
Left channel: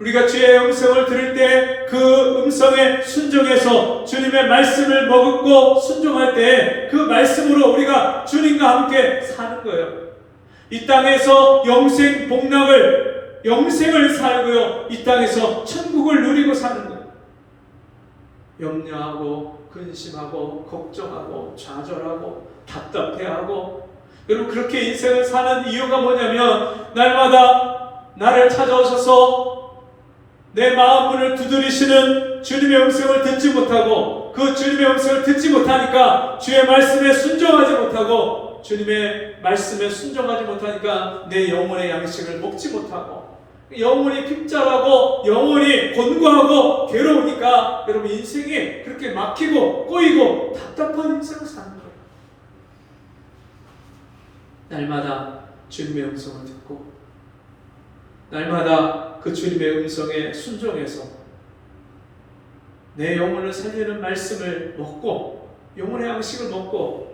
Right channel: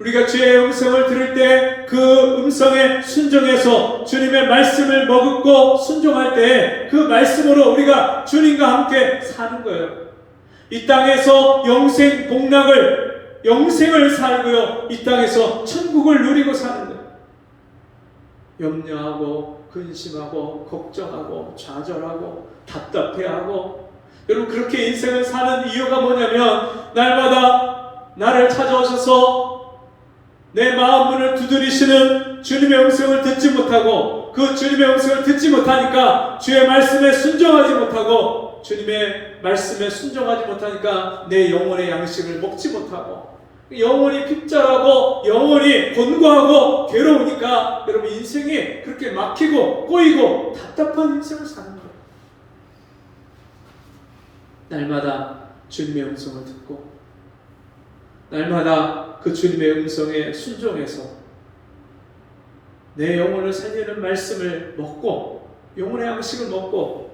우리가 주의 음성을 들을 때 그 음성에 순종해서 주님의 말씀을 머금고 순종할 때 그 말씀으로 우리가 주님과 함께 사는 거예요. 이 땅에서 영생 복락을, 영생을 살고요, 이 땅에서 천국을 누리고 사는 거예요. 염려하고 근심하고 걱정하고 좌절하고 답답해하고, 여러분, 그렇게 인생을 사는 이유가 뭐냐면 날마다 나를 찾아오셔서 내 마음문을 두드리시는 주님의 음성을 듣지 못하고, 그 주님의 음성을 듣지 못하니까 주의 말씀에 순종하지 못하고, 주님의 말씀에 순종하지 못하니까 내 영혼의 양식을 먹지 못하고 영혼이 핍절하고 영혼이 곤고하고 괴로우니까 여러분, 인생이 그렇게 막히고 꼬이고 답답한 인생을 사는 거예요. 날마다 주님의 음성을 듣고 날마다 그 주님의 음성에 순종해서 내 영혼을 살리는 말씀을 먹고 영혼의 양식을 먹고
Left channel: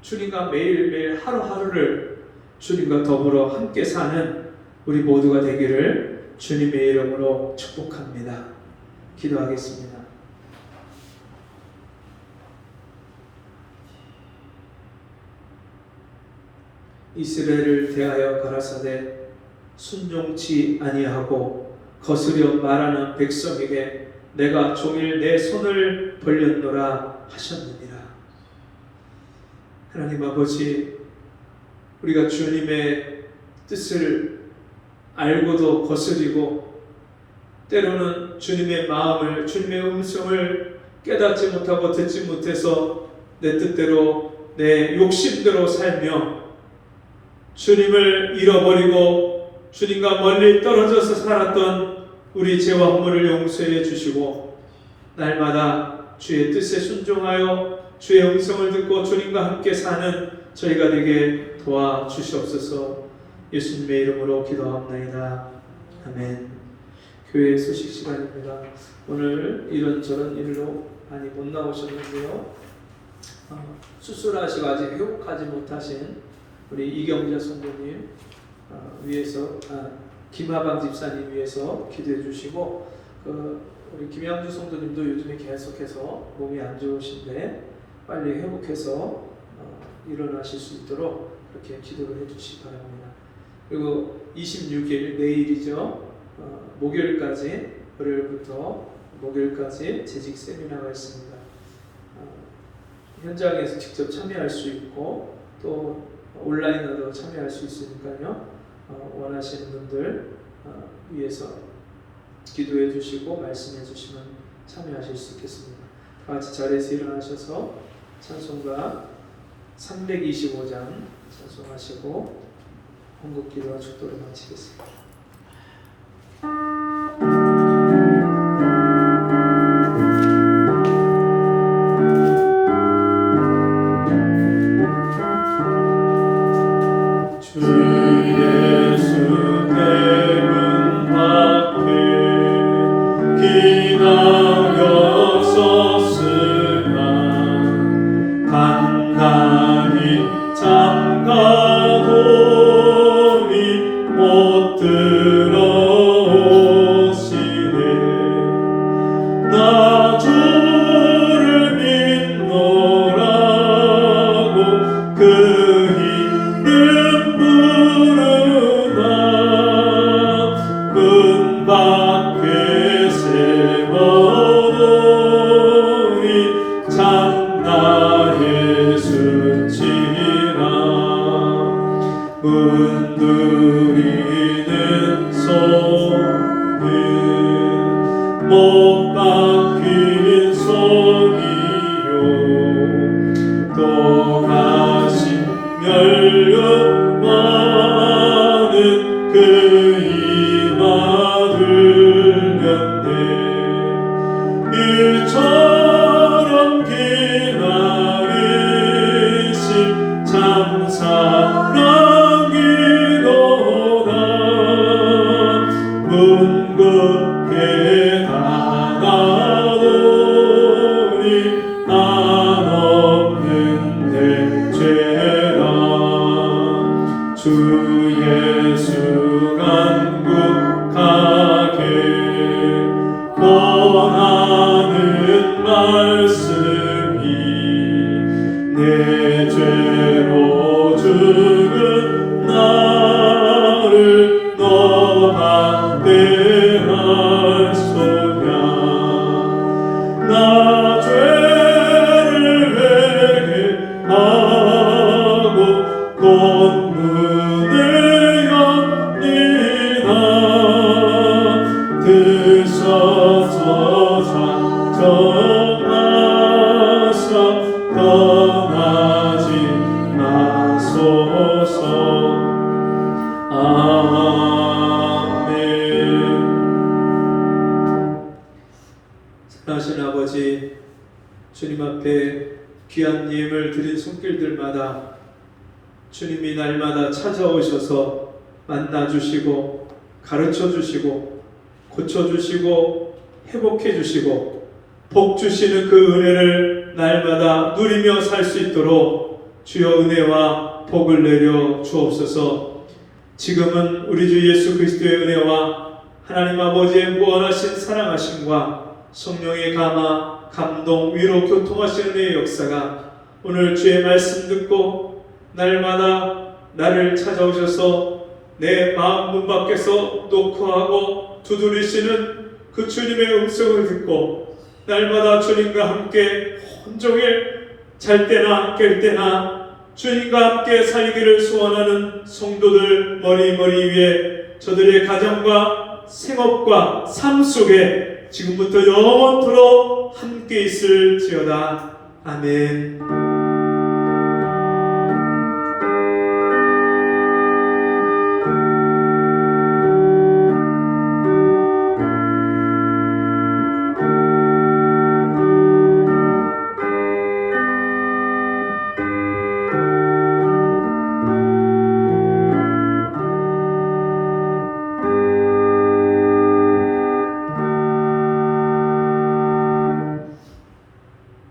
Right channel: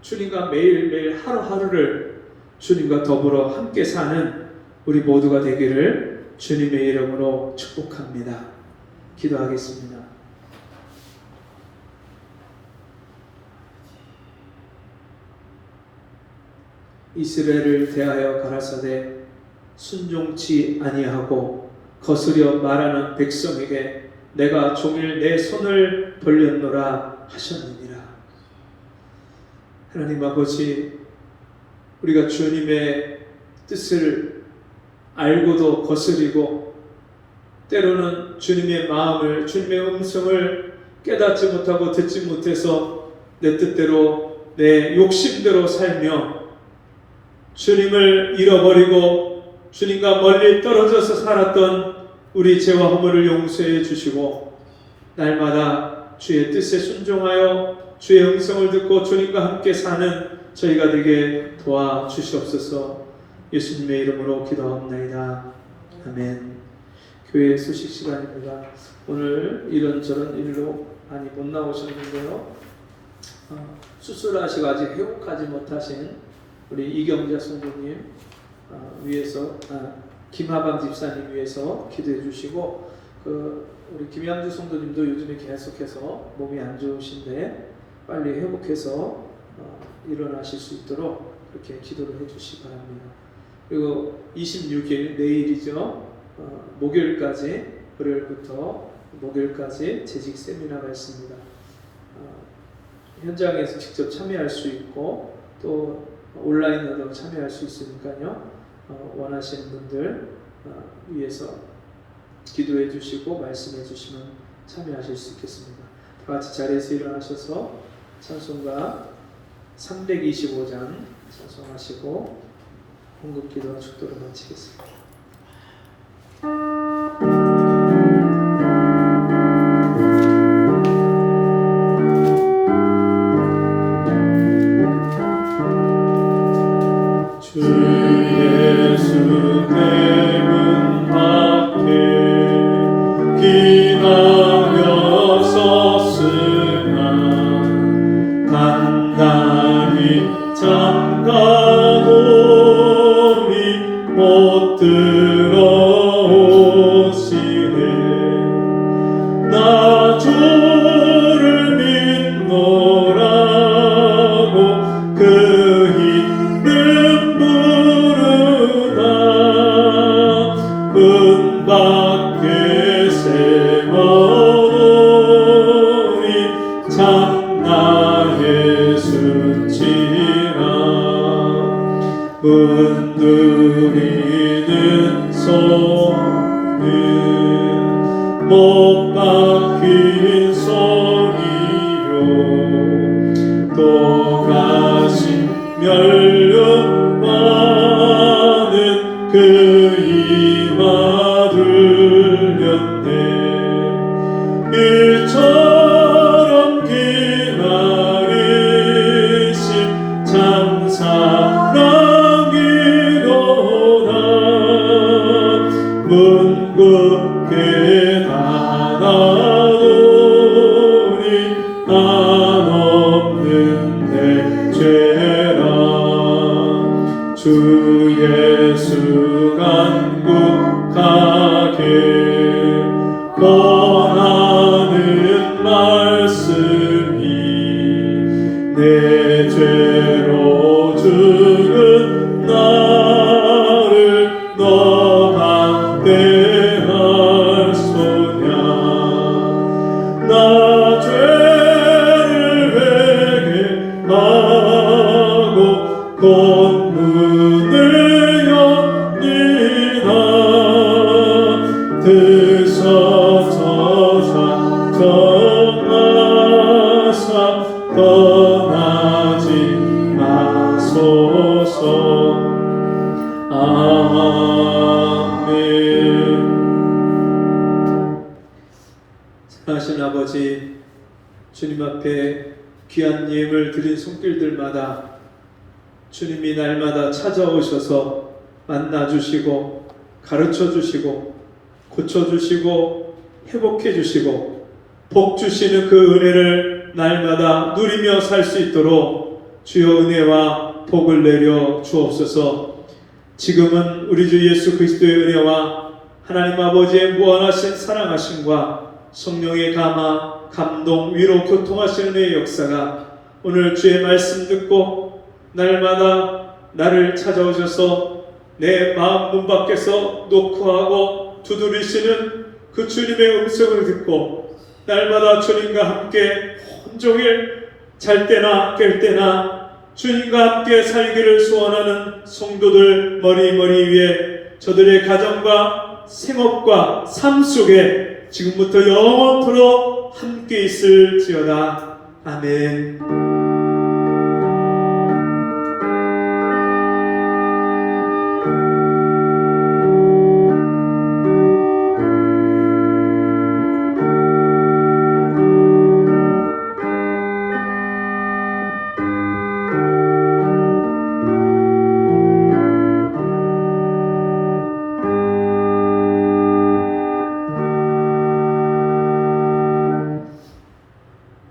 주님과 매일매일 하루하루를 주님과 더불어 함께 사는 우리 모두가 되기를 주님의 이름으로 축복합니다. 기도하겠습니다. 이스라엘을 대하여 가라사대 순종치 아니하고 거스려 말하는 백성에게 내가 종일 내 손을 벌렸노라 하셨느니라. 하나님 아버지, 우리가 주님의 뜻을 알고도 거스리고 때로는 주님의 마음을, 주님의 음성을 깨닫지 못하고 듣지 못해서 내 뜻대로 내 욕심대로 살며 주님을 잃어버리고 주님과 멀리 떨어져서 살았던 우리 죄와 허물을 용서해 주시고 날마다 주의 뜻에 순종하여 주의 음성을 듣고 주님과 함께 사는 저희가 되게 도와주시옵소서. 예수님의 이름으로 기도합니다. 아멘. 교회 소식 시간입니다. 오늘 이런저런 일로 많이 못 나오셨는데요, 수술하시고 아직 회복하지 못하신 우리 이경자 성도님 위해서, 김하방 집사님 위해서 기도해 주시고, 우리 김양주 성도님도 요즘에 계속해서 몸이 안 좋으신데 빨리 회복해서 일어나실 수 있도록 그렇게 기도를 해 주시기 바랍니다. 그리고 26일 내일이죠. 목요일까지, 월요일부터 목요일까지 재직 세미나가 있습니다. 현장에서 직접 참여할 수 있고 또 온라인으로 참여할 수 있으니까요. 원하시는 분들 위해서 기도해 주시고 말씀해 주시면 참여하실 수 있겠습니다. 다 같이 자리에서 일어나셔서 찬송가 325장 찬송하시고 공급기도 축도를 마치겠습니다. 주 예수 대문 밖에 기다려 섰으나 단단히 잠가도니 못 들어오시네. 나 주를 믿노라고 그 이름 부르다 문 밖에 세워놓으니 참나 예수지라. 문드리는 소리 못 박힌 소리요 또 가신 멸류관은 그 이마 들렸네. 일처럼 기다리신 참 사랑이로다. 문긋게 닫아놓으니 한없는 내 죄라. 주 예수 간구하게 권하는 말씀이 내 죄로 죽은 나를 너 박대할 소냐. 나 죄를 회개하고 곧 문을 엽니다. 드셔서 작정하사 떠나지 마소서. 아멘. 사랑하신 아버지, 주님 앞에 귀한 예물 드린 손길들마다 주님이 날마다 찾아오셔서 만나주시고 가르쳐주시고 고쳐주시고 회복해주시고 복주시는 그 은혜를 날마다 누리며 살 수 있도록 주여 은혜와 복을 내려 주옵소서. 지금은 우리 주 예수 그리스도의 은혜와 하나님 아버지의 무한하신 사랑하심과 성령의 감화, 감동, 위로, 교통하시는 은혜의 역사가 오늘 주의 말씀 듣고 날마다 나를 찾아오셔서 내 마음 문 밖에서 노크하고 두드리시는 그 주님의 음성을 듣고 날마다 주님과 함께 온종일 잘 때나 깰 때나 주님과 함께 살기를 소원하는 성도들 머리 위에 저들의 가정과 생업과 삶 속에 지금부터 영원토록 함께 있을지어다. 아멘.